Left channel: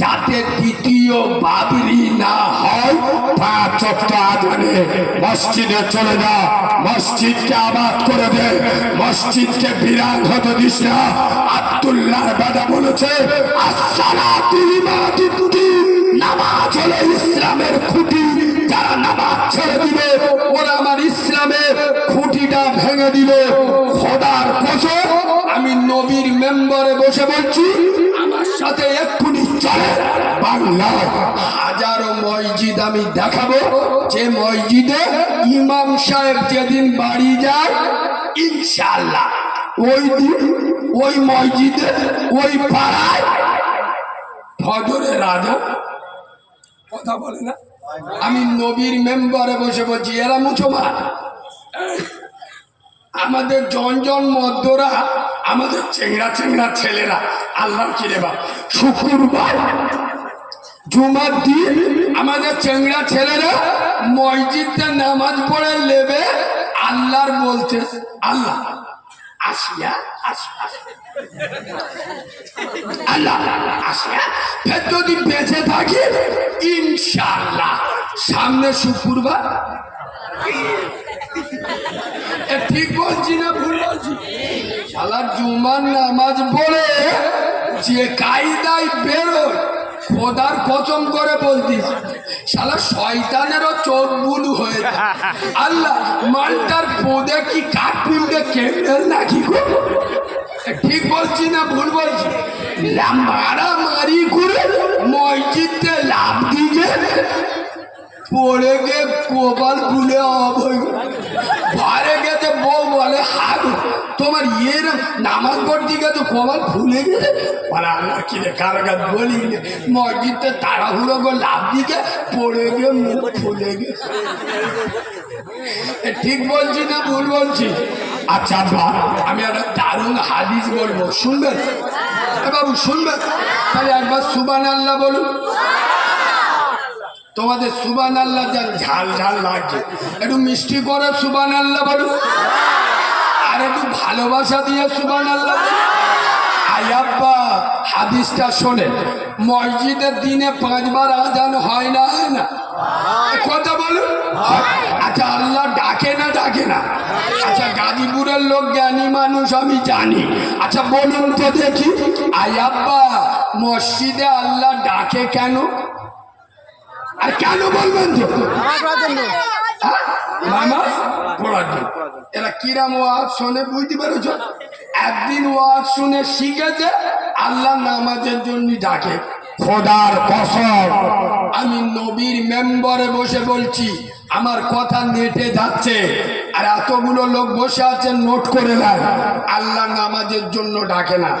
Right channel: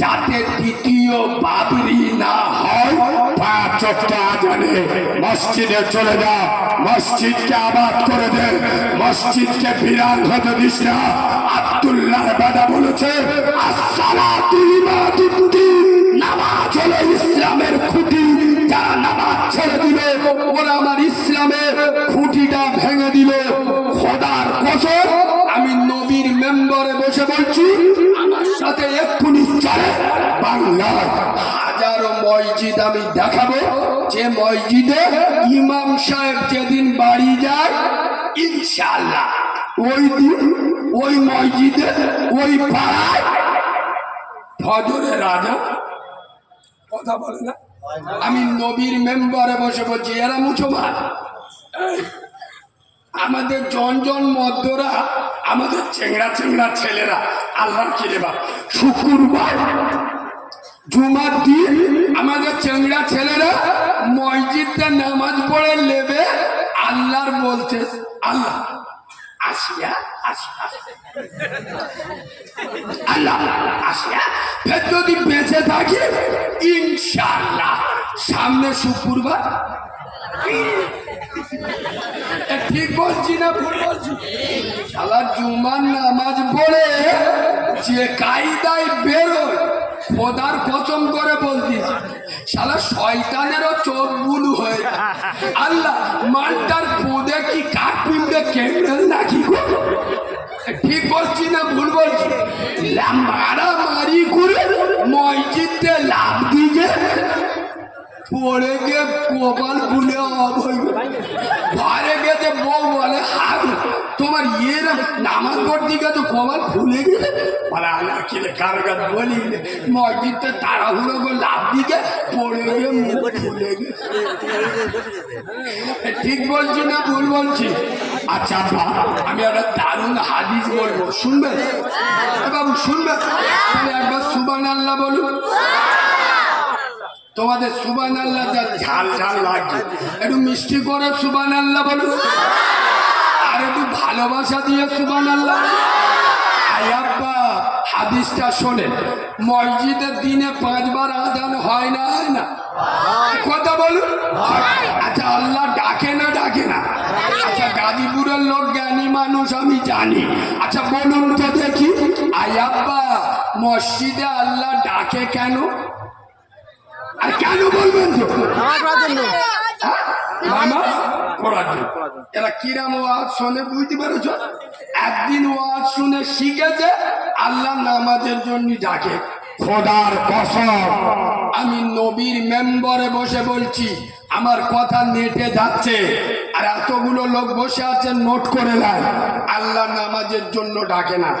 যাতে দ্বিতীয় বাবরি না হয়। মসজিদে চলে যা, মসজিদকে আবাদ করে দে, মসজিদকে বিরান হতে দিস না। আব্দুল্লাহ বেদা বলেছে নামাজ হলো ইসলামের খুঁটি, যারা নামাজ ছেড়ে দিবে ওরা আমার ইসলামের খুঁটিটা ভেঙে দিবে। খোদার কসম আমি নবীর মেম্বারে বসে বলছি, আমার সাথে এক্ষুনি চলে বাংলার হাজারো মসজিদ আমি দেখাবো, যে মসজিদে ইমাম সাহেব যেদিন বাড়ি যায় ইনশাআল্লাহ ওই দিন ওই মসজিদে ওই পাড়ায় ফজরের রাজা কথা বলে না। আমি নবীর মেম্বারে বসে বলছি, এরা মুসলমান, আমাদের জন মধ্যরা, আমাদের চেংড়া চেংড়া ছেলেরা আল্লাহ কিরে বাপ শুক্রবার জুমার দিন আমাদের চেংড়া ছেলেরা মসজিদে নামাজ পড়ে নেবে, আল্লাহর বলতে আল্লাহ আসিয়া আসিয়া আল্লাহ আসিয়া ফের যদি বেঁচে থাকি ইনশাআল্লাহ সামনে শুক্রবার। ঠিক বলছি না ভুল বলছি? শালা জুমার নামাজ পড়ে যে কায়দায় বেরোয়, খোদার কসম করে বলতেছি শালা শয়তানেরও চোখ বুলু হয়ে যায়। আল্লাহ মালটার পোদে কি কাঠপিণ্ডে কেমনে নাকি গো? ঠিক বলছি না ভুল বলছি? মারামারি করে মসজিদে লাভ দিয়ে পড়ে গিয়ে কপাল খুলে ঘরে গেছে, বউ বলে হাত তোমার ইয়ের নামাজ পড়তে গিয়ে তো কপাল খুলে গেছে। কারাগার বলি মসজিদে তাড়াহুড়ো করে লাভ দিকে পড়ে গিয়ে মুখ খুলে গেছে। ঠিক বলছি না ভুল বলছি? আচ্ছা আমি একটা দারুণ হাদিস বলবো, শুনবেন? বাবু শুনবেন? তাহলে একবার সুবহানাল্লাহ বলুন। তোমাদের সুবহানাল্লাহ যা ঝাল ঝাল লাগছে, একটু মিষ্টি করে সুবহানাল্লাহ বলুন, আর একটু ভালোবাসা দিয়ে সুবহানাল্লাহ। আয়াব্বা হাদিসটা শোনেন, মসজিদের দিনে 5 বার আজান হয় না? হয় না? কথা বলুন। আচ্ছা আল্লাহ ডাকে না ডাকে না? আচ্ছা গাজীপুরের লোক জ্ঞানী মানুষ আমি জানি, আচ্ছা বলুন তো দেখি আয়াব্বা মসজিদে আল্লাহ ডাকে কেন? আর কেন বলবেন তো? এরা কিরাম ওয়াজ শোনে বুঝতে পেরেছ? একদিন ওয়াজ শুনে শিখেছে আল্লাহ নামাজের জন্য ডাকে। খোদার কসম আমি নবীর মেম্বারে বসে বলছি, আমার কথা নেটে যাচ্ছে, আর এতগুলো লোক বসে আছেন নোট করে নেয়, আল্লাহ নামাজের জন্য ডাকে না।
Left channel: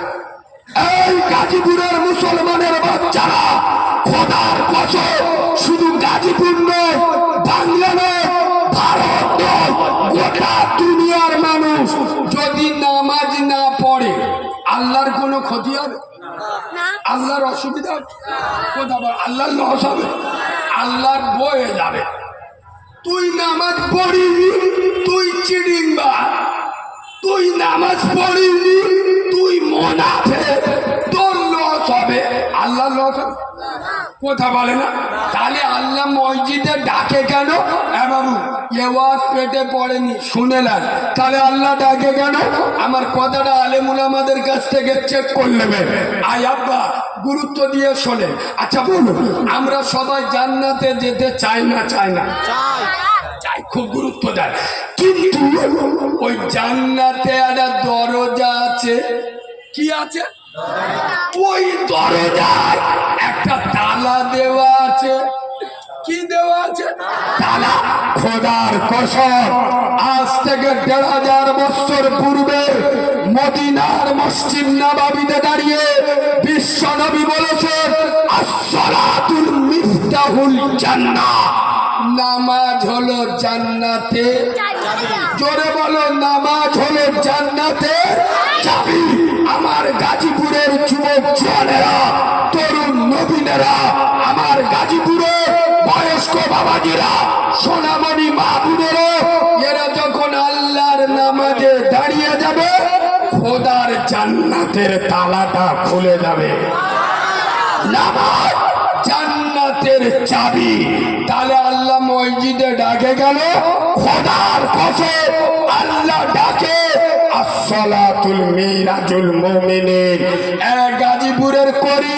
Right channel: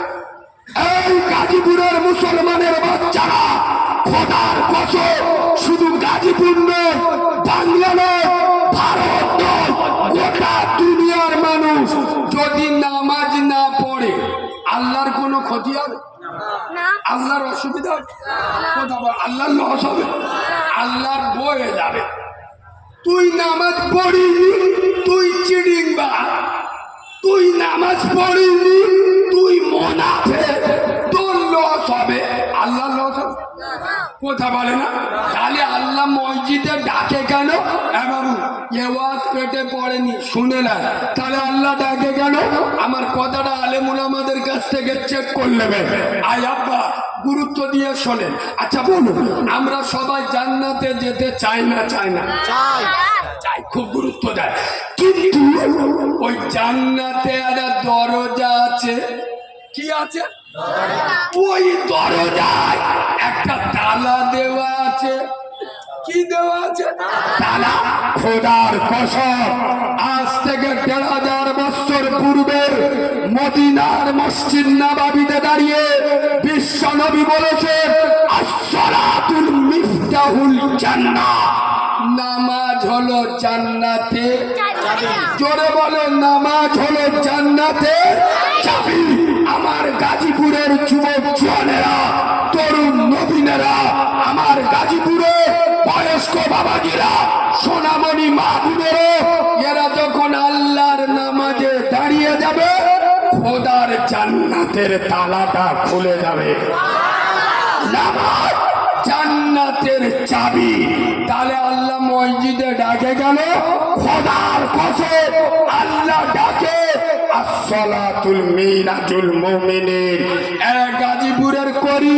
এই গাজীপুরের মুসলমানের বাচ্চারা, খোদার কসম শুধু গাজীপুর নয়, বাংলা নয়, ভারত নয়, গোটা দুনিয়ার মানুষ যদি নামাজ না পড়ে আল্লাহর কোনো ক্ষতি হবে? আল্লাহর অসুবিধা হবে? কথা বল, আল্লাহর লস হবে? আল্লাহর বয়ে যাবে। তুই নামাজ পড়িনি, তুই চিড়িংবাজ, তুই নামাজ পড়িনি, তুই মুনাফিক, তোর লস হবে, আল্লাহর লস হবে? কথা বলে না? তাহলে আল্লাহ মসজিদে ডাকে কেন? বাবু এওয়াজ পেটে পড়েনি শুনে না, তাহলে আল্লাহ ডাকে কেন? আমার কথাটা আলেমুল আমাদের কাছ থেকে চেক করে নেবে। আয় আব্বা গুরুত্ব দিয়ে শোনেন। আচ্ছা বলুন, আমরা সবাই জান্নাতে যেতে চাই না? চাই না? চাই, খুব গুরুত্ব দেয়। কিন্তু ওই জান্নাতে একটা দরজা আছে। কি আছে? ওই দরজায় একটা তালা দেওয়া আছে। কি দেওয়া আছে? তালা। খোদার কসম আজ থেকে 1500 বছর পূর্বে মদিনার মসজিদ নববীতে দাঁড়িয়ে বিশ্ব নবী বলেছেন আসসালাতুল মিফতাহুল জান্নাহ, নামাজ হলো জান্নাতে চাবি। জোরে বলো, নামাজ হলো জান্নাতে চাবি। আমার গাজীপুরের যুবক জওয়ানেরা, তরুণ নবীনেরা, আমার গাজীপুরের বয়স্ক বাবাজিরা, সোনামণি মা বোনেরা, এরা যখন আল্লাহর নামাজে দাঁড়িয়ে যাবে খোদার জান্নাতের তালাটা খুলে যাবে। চাবি। তাহলে আল্লাহ মসজিদে ডাকে কেন? খোদার কসম আল্লাহ ডাকে আসসালাতুল মিরাজুল মুমিনিন। গাজীপুরের করি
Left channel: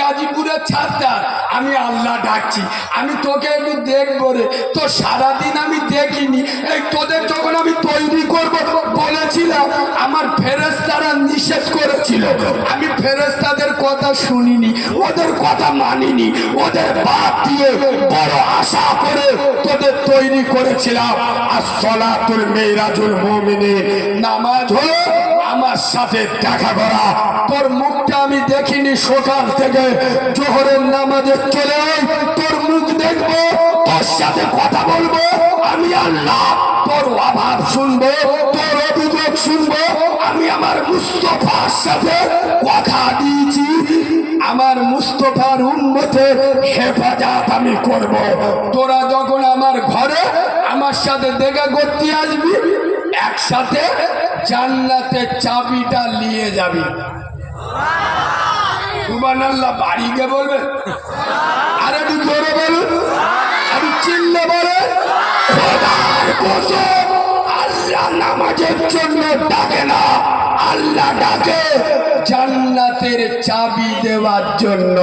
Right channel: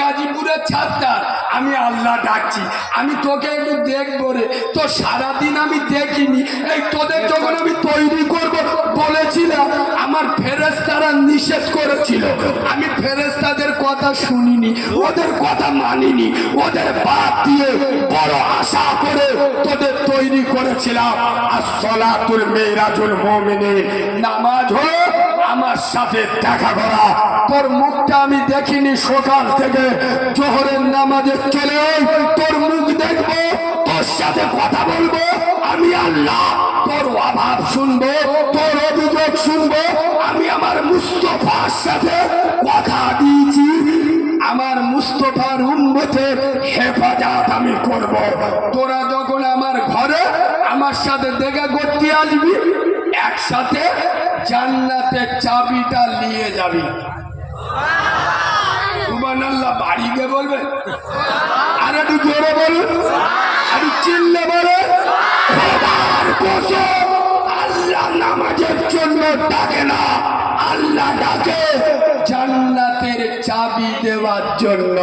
গাজীপুরের ছাত্র আমি আল্লাহ ডাকছি, আমি তোকে একটু দেখবো রে, তো সারাদিন আমি দেখিনি। এই তোদের যখন আমি তৈরি করবো বলেছিলাম, আমার ফেরেশতারা নিষেধ করেছিল, আমি ফেরেশতাদের কথা শুনিনি, ওদের কথা মানিনি, ওদের বাপ দিয়ে বড় আশা করে তোদের তৈরি করেছিলাম। আসসালাতুল মিরাজুল মুমিনিন, নামাজ হলো আমার সাথে দেখা করা। তোর মুখটা আমি দেখিনি সকাল থেকে, জোহরের নামাজে চলে তোর মুখ দেখবো, তোর সাথে কথা বলবো। আমি আল্লাহ তোর অভাব শুনবো, তোর অভিযোগ শুনবো। আমি আমার মুস্তাফার সাথে কথা দিয়েছি, আমার মুস্তাফার উম্মতের হেফাজত আমি করব। তোরা যখন আমার ঘরে আমার সাথে দেখা করতে আসবি, একসাথে জান্নাতের চাবিটা নিয়ে যাবি। সুবহানাল্লাহ, বাড়ি গিয়ে বলবে, আরে একটু জোরে বলুন, একটু চিল্লে বলে। খোদার কসম আল্লাহ নামাজের জন্য ডাকে না, আল্লাহ ডাকে জান্নাতের চাবি দেওয়ার জন্য।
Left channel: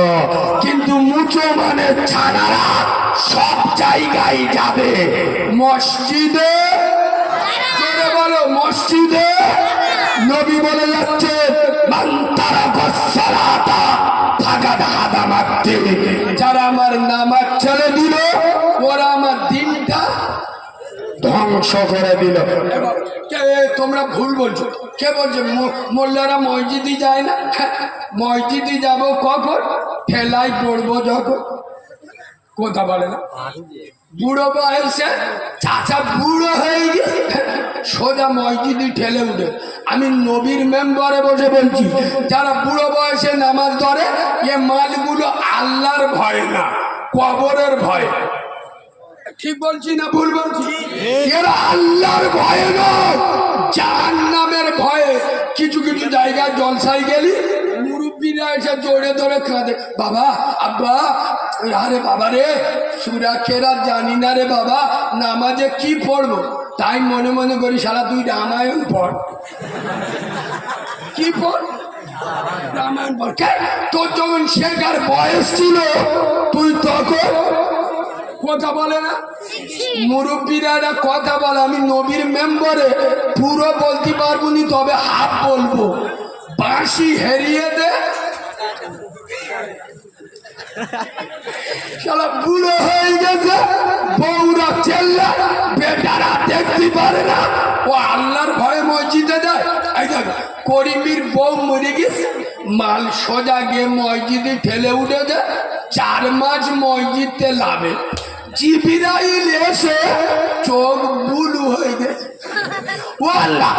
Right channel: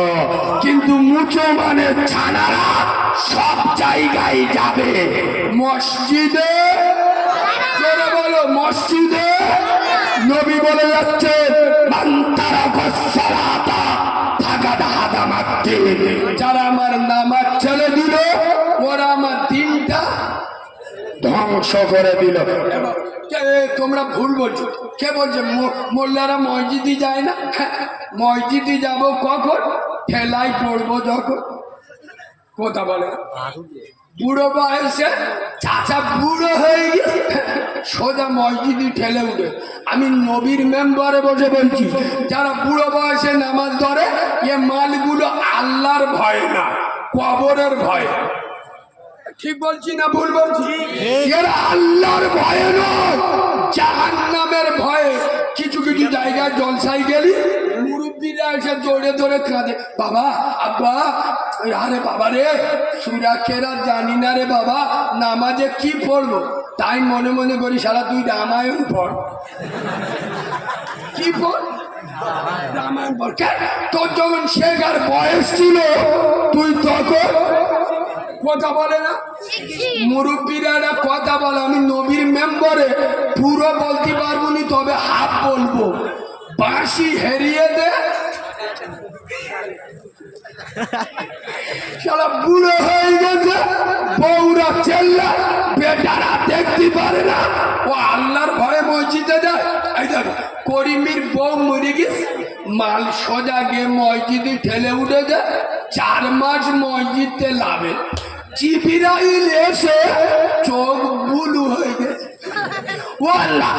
কিন্তু মুসলমানের ছানারা সব জায়গায় যাবে, মসজিদে বলো, মসজিদে নবী বলে যাচ্ছে যারা আমার নামাজ ছেড়ে দিল, ওরা আমার দিনটা ধ্বংস করে দিল। তোমরা ভুল বলছো, কে বলছে মোল্লারা মসজিদে যায় না? মসজিদে যাবো কখন? ঠেলাই পড়বো যখন। কথা বলে না, বুড়ো বয়সে চাচা বুড়ো হয়ে গিয়ে সোজা মসজিদে ঠেলে উঠে। আমি নবীর মেম্বারে বসে বলছি, যারা বুড়ো বয়সে নামাজ ধরে, এ মালগুলো আল্লাহর ভয় না, কবরের ভয়। ঠিক বলছি না ভুল বলছি? এরা আল্লাহর ভয়ে নয়, জাহান্নামের ভয়ে। কিছু কিছু জায়গায় জলসায় গেলি, মুরব্বীরা এসে জোরে ধরে কাঁদে, বাবা আব্বা, আরে বাবা রে সূরা কেরাত জানি না রে বাবা, নামাজে কি পড়বো? তাই মনে মনে করি শালা তুই রামায়ণ পড়। কি পড়? রামায়ণ পড়। তোর যখন শেখার বয়স ছিল, তুই তখন কথা বলে না, মুরব্বীরা কথা বলে। আমি নবীর মেম্বারে পুরো বলতে পারবো নি, তবে হাফ বলবো। বাঁশি হেরিয়ে দে, শালা বুড়ো হয়ে গেছে, বউরা চেল্লা, বেটারা দেখতে পারে না, ও আল্লাহর ভয়ে মসজিদে যায়। এই দেখো করিমির বউ মরে গেছে, মাল সোজা গিয়ে মসজিদে ঠেলে উঠেছে, 4 মাস মসজিদে লাভে। জিবরাইল এসে চোখ বুলু হয়ে গেছে, ও আল্লাহ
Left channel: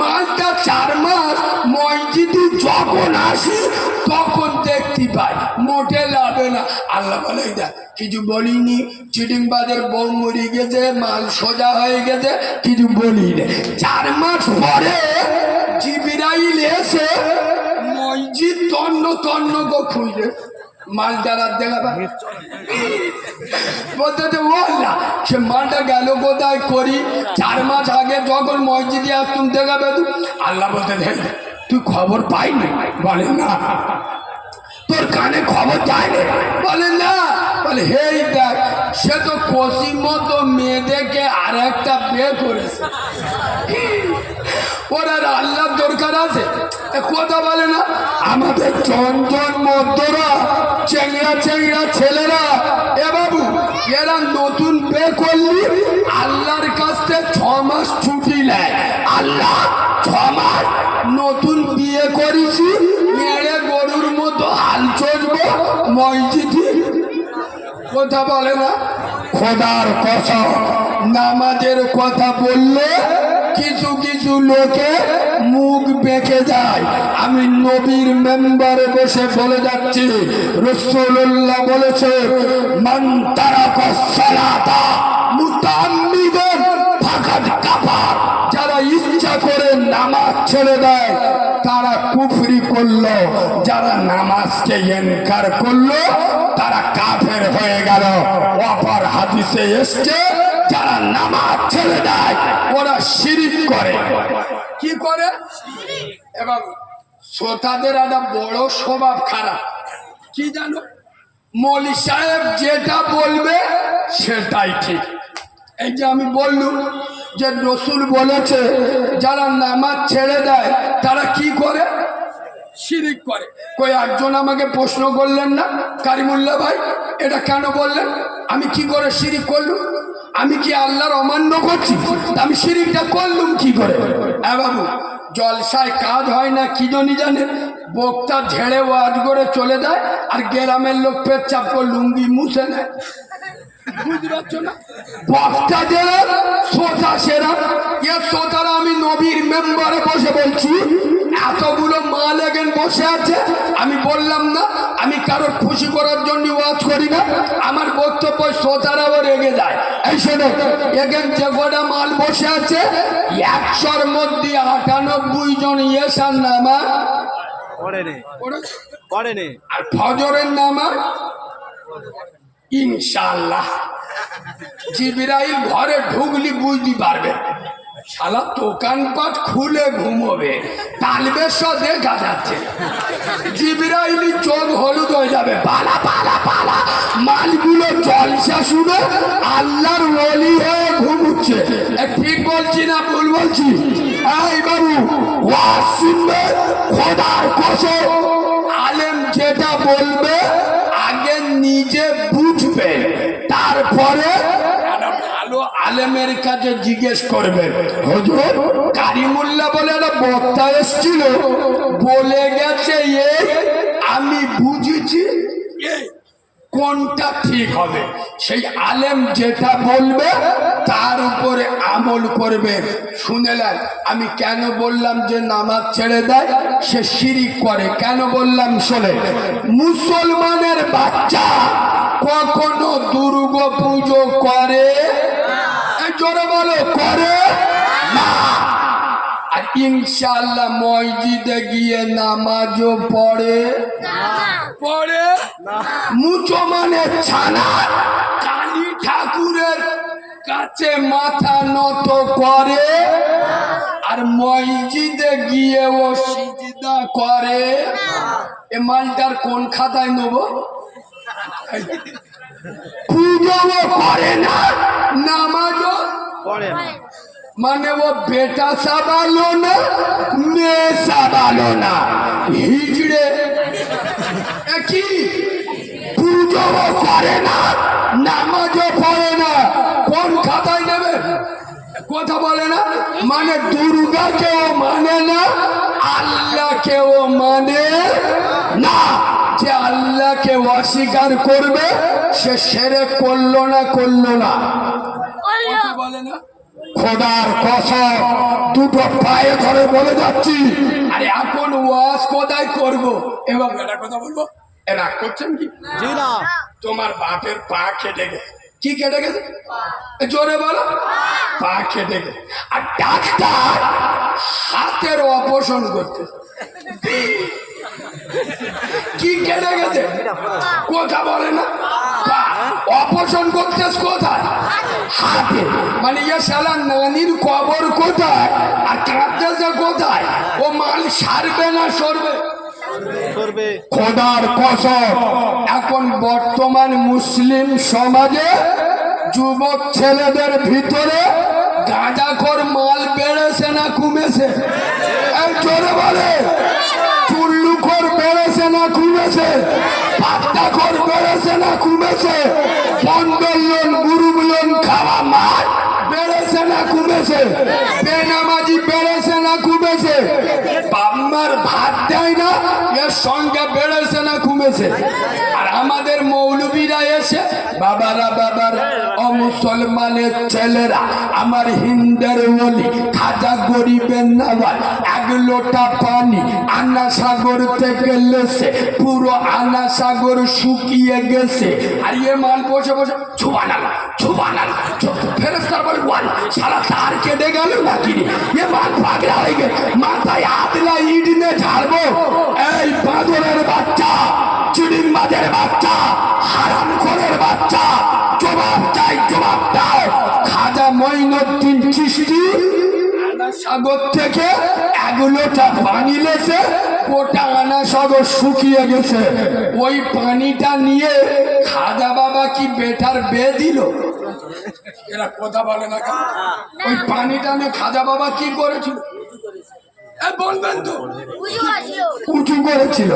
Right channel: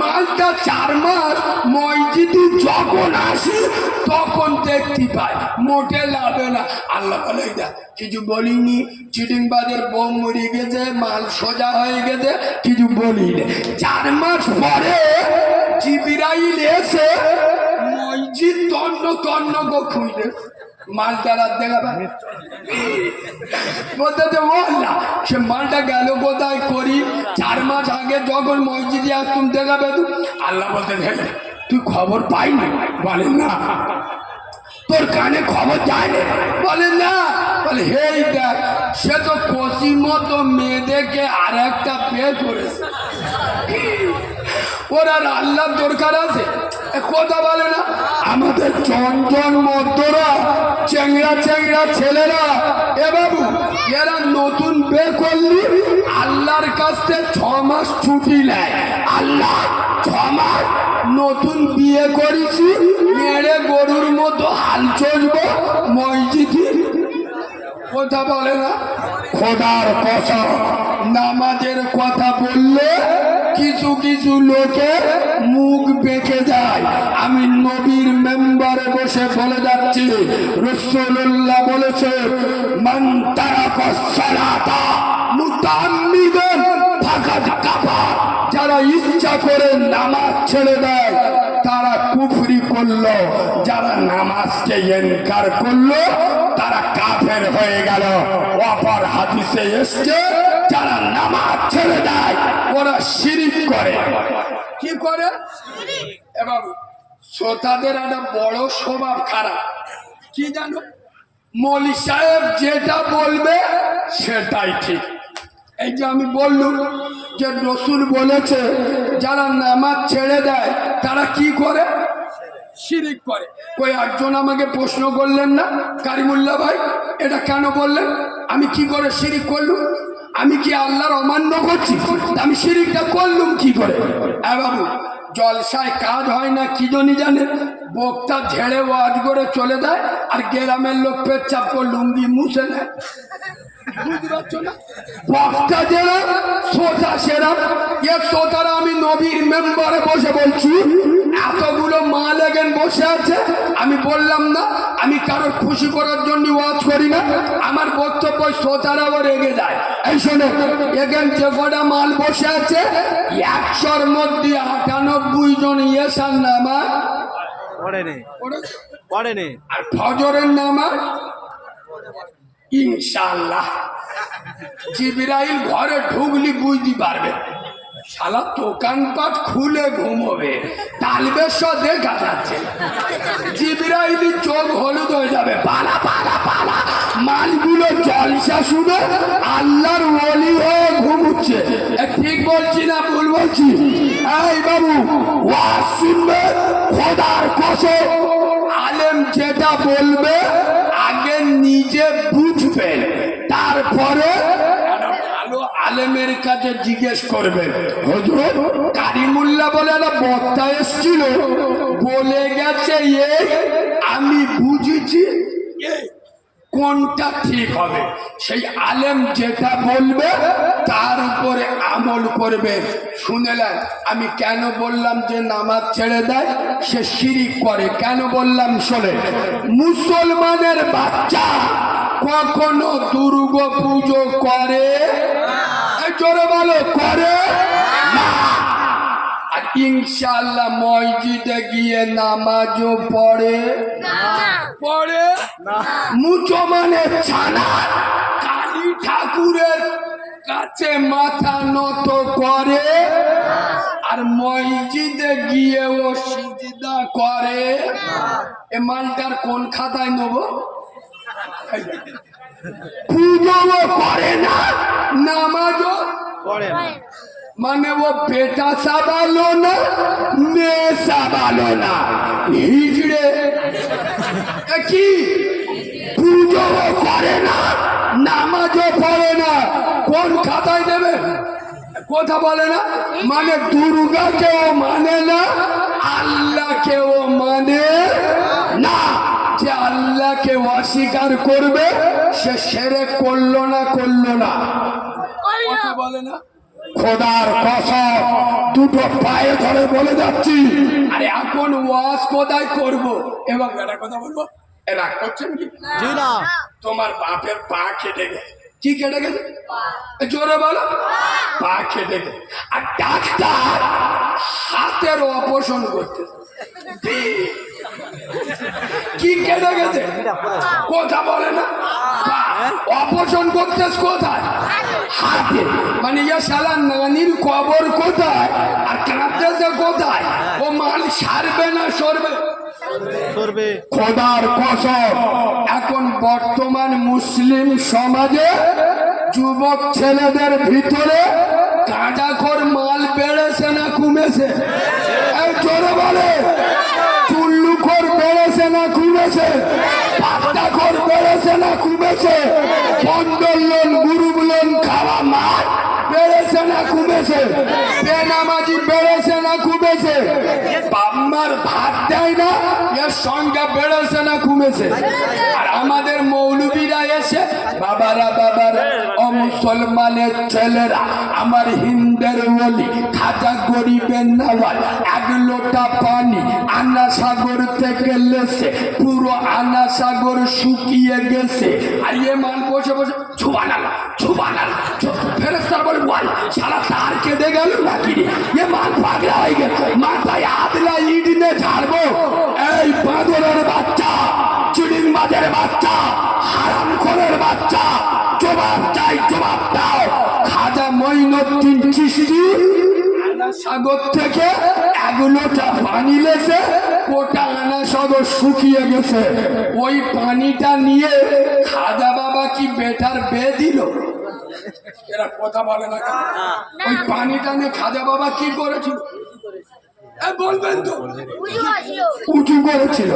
মালটা 4 মাস মসজিদে যখন আসি তখন দেখতে পাই, মোটে লাভে না। আল্লাহ বলে কিছু বলিনি, চিটিংবাজের বউ মরে গেছে, মাল সোজা হয়ে গেছে, কিছু বলিনি। 4 মাস পরে জিবরাইল এসে মসজিদ তন্ন তন্ন গো খুঁজে মালটা রাত দেখাবে, বলতে সে মালটা গেল কোথায় করি? 4 মাস আগে যখন মসজিদে আসতুম দেখাবে। আল্লাহ বলতে তুই খবর পাই না? বলে না। তোর কানে খবর যায় না? বলে না। বলে হেই দেখ, সে তো কষি মতো মেয়ে দেখে আর একটা বিয়ে করেছে, ওর আর আল্লাহর দরকার আছে? কথা বলে না। আমাদের জনজন মধ্যরা চেংড়া চেংড়া ছেলেরা, এ বাবু এরা নতুন বিয়ে করলি আল্লাহর কাছে 6 মাস ছুটি নেয়। আল্লাহ 6 মাস নতুন বিয়ে করেছি, মেরে গরুর মতো হাল চলবো মসজিদে। কথা বলে না। খোদার কসম নামাজের কথা বললে কিছু কিছু লোকে মুখ বেঁকে যায়। আমি নবীর মেম্বারে বসে বলে যাচ্ছি, রাসূলুল্লাহ বলেছে, মান তারাকা সালাতা মুতাআম্মিদান ফাকাদ কাফার। যারা ইচ্ছা করে নামাজ ছেড়ে দেয় তারা কুফরি করলো, যারা নামাজ নামাজকে ইনকার করলো তারা কাফের হয়ে গেল। অপর হাদিসে এসছে যারা নামাজ ছেড়ে দেয় ওরা শিরিক করে। কি করে? এবং শ্রোতাদের একটা বড় স্বভাব খারাপ কি জানো, মৌলী সাহেব যেটা বলবে সেটাই ঠিক। এই যে আমি বললুম যে রসুল বলেছে যারা নামাজ ছেড়ে দেয় তারা কি করে? শিরিক করে। কই একজন আমাকে প্রশ্ন করলেন না, কারিমুল্লাহ ভাই এটা কেন বললেন? আমি কি করে শিরিক করলুম? আমি কি আল্লাহর অমান্য করছি? আমি শিরিকটা করলুম কি করে? বাবু, জলসায় কাজ হয় না কি জানে, বক্তা ঝেড়ে ওয়াজ করে চলে যায় আর গ্রামের লোক পেচ্ছাপ করে লুঙ্গি মুছে নেয়। বুঝতে পারছো না? বক্তা যারা শ্রোতা সেরা, এ শ্রোতারা আমি নবীর মেম্বারে বসে বলছি, এতগুলো মাল এখানে বসে আছে। আমি বললাম না আমি কারোর খুশি করার জন্য ওয়াজ করি না, আমার বক্তব্য শ্রোতারাও রেগে যায়। এই শোনো, এখানে যে কটা মাল বসে আছে 100-র মধ্যে 98 জন ইয়েশার নামাজ পড়েনি, আর ফজরের নামাজ ইনশাআল্লাহ জিবরাইল ঘরে ঢুকলি বুঝতে পারবে, শালা দোকানপাট খুলে ঘুমোবে, তালবেশ দেখা যাচ্ছে, জিবরাইলি চোখ হলুদ হয়ে যাবে, পালা পালা পালা মালগুলো জলসা শুনে আল্লাহর ওলি হয়ে ঘুমুচ্ছে। ঠিক বলছি না ভুল বলছি? এই বাবু, ওয়াজ শুনবে, খোদার কসম আলেম যেটা বলবে আগে নিজে বুঝবেন, তারপরে একটা ভালো আলেমের কাছে জিজ্ঞেস করবেন। হুজুর কারিমুল্লাহ বলে একটা বক্তা এসেছিল, বলে গেছে এই আমি বুঝেছি এই কোনটা ঠিক হবে, সেই আলেম যেটা বলবে তার উপরে আমল করবে। শুনলেন আমি কেন বললাম যে নামাজ ছেড়ে দেয় সে শিরিক করে? কেন বললাম শোনে, মুসলমানের বাচ্চা কখনো দুর্গা পুজো করে? জোরে বলো, করে না। আর ইনশাআল্লাহ মসজিদে গিয়ে নামাজও পড়ে না। মুসলমানের ছানা কালী ঠাকুরের কাছে মাথা নত করে আর মসজিদে গিয়ে ও সিজদা করে। এ মালটার কোন খাতায় নেব? পুজোও করে না, নামাজও পড়ে না, মানে ও বেটা সাবালো না, মেয়ে সাবালো না, হিজড়ে। কি পুজোও করে না, নামাজও পড়ে না, কোন খাতায় দেবে? কথা বলে না, মানে দুর্গাকেও মানে না, আল্লাহকেও মানে না। যে আল্লাহকে অস্বীকার করবে সে শিরক করলো না? কথা বলে না। খোদার কসম দুটো পায়ে ধরে বলে যাচ্ছি, আরে এখন ওয়াজ কোথায় করব এবং একটা কথা বলবো, এরা করছেন কি? জি না। তোমার বাপের পা কেটে গেছে। কি কেটে গেছে? জোরে বলো। পা কেটে গেছে আর ডাক্তার হাতের অপারেশন করতে। কি কেটে গেছে? কথা বলে না। অপারেশন করতেছ কোথায়? হাতে। মানে ইয়া শালা নানির কবর কোথায় আর কাঁদতেছে কোথায়? ও মাল সারবে না সরবে? খোদার কসম এখন বর্তমান মুসলিম সমাজে যুবক ছেলেদের ভিতরে গাঁজাখোর মাল বেড়েছে না কমেছে? জোরে বলে। চুল্লুখোর বেড়েছে না কমেছে? পাত্তাখোর বেড়েছে না কমেছে? বন্ধন লোন গ্রুপ লোন খাওয়া মাল বেড়েছে না কমেছে? বেনামাজি বেড়েছে না কমেছে? বাম্মার ভাত দেয় না এর সংখ্যা বেড়েছে না কমেছে? আর আমাদের মৌলবীরা এসে বাবারা ও মুসলমানের ছেলেরা আমার হিন্দের বলি খাজা গরিবের নাওয়াজ 1 লোটা পানি আনা সাগর থেকে লেসে পুরো আনা সাগর শুকিয়ে গেছে। আর এ মাল বসে বসে ছুবানা ফেরেশতা বলে বল সারা তার কেটে গেল নাকি রে? এ মাল পাগলা হয়ে গেছে, মাথায় আদলা ইট নিয়ে ঝাড়বো। এই বাঁদরের বাচ্চা সাগর থেকে 1 লোটা পানি লেছে, গোটা আনা সাগর শুকিয়ে গেছে। ওই পানিটা নিয়ে খাজা বাবা কি বেটার বিয়ে দিল? এরা কথা বলে না কেন? ওই পানিটা নিয়ে খাজা বাবা কি করেছিল? বলবেন তো? উঁচু করেছিল।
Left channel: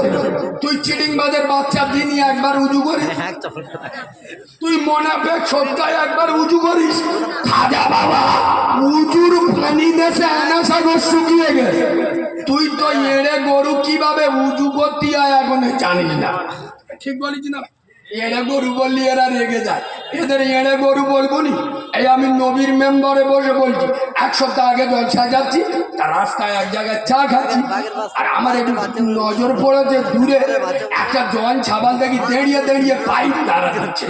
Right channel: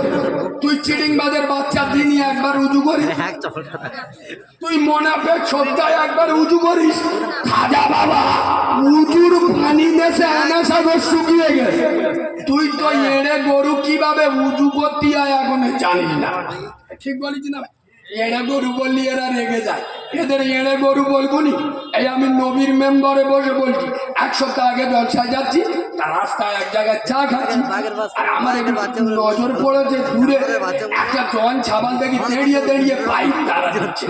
তুই চিড়িংবাজের বাচ্চা দিনই একবার উঁচু করিস? তুই মোনাফেক সপ্তাহে একবার উঁচু করিস? খাজা বাবা উঁচুর পানি দেশে আনা সাগর শুকিয়ে গেছে। তুই তো এড়ে গরু কিভাবে উঁচু করতে হয় এখন জানিস না। ঠিক বলিস না? এড়ে গরু বললি এরা রেগে যায়। এদের এড়ে গরু বলবো নি? এই আমি নবীর মেম্বারে বসে বলছি, 1 সপ্তাহ আগে জলসায় যাচ্ছি, তার রাস্তায় এক জায়গায় চা খাচ্ছি, আর আমার একটু নজর পড়েছে দূরে একটা জোয়ান ছাবাল দেখি দাঁড়িয়ে দাঁড়িয়ে পাইপ নাড়া দিচ্ছে।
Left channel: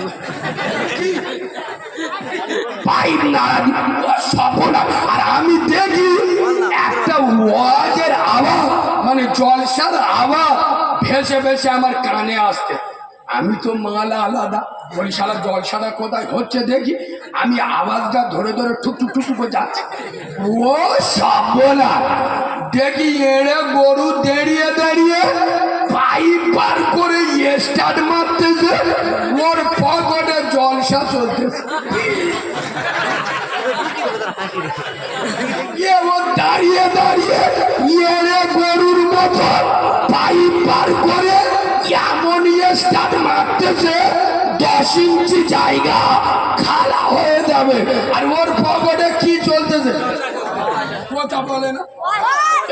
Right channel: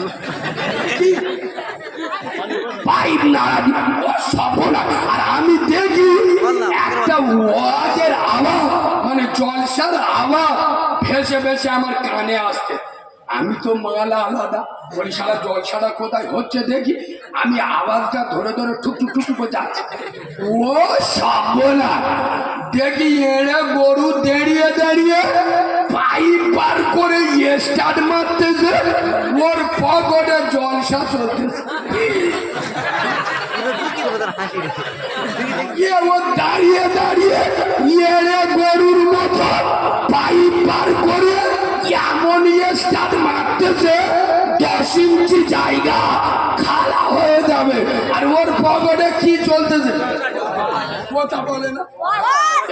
পাইপ নাড়া সফল। আর আমি দেখি একটা ওয়াজের আওয়াজ, মানে জলসার আওয়াজ ভেসে ভেসে আমার কানে আসতে। আমি তো মালা আলাদা, ওই সারা জলসাটা কোথায় হচ্ছে দেখি, আমি আওয়াজটা ধরে ধরে ঠুক ঠুক ঠুক করে যাচ্ছি। ও সাবলা দেখি এড়ে গরু দাঁড়িয়ে দাঁড়িয়ে পাইপ বার করে স্টার্ট মারতেছে, ওর পকেটে জলসা চলতেছে। ও দাঁড়িয়ে দাঁড়িয়ে এড়ে গরুর মতো পাইপ বার করে এমন স্টার্ট মারতেছে 10 ইঞ্চি জায়গা খালা হয়ে যাবে। আর ওর পকেটে কি চলতেছে? কথা বলে না?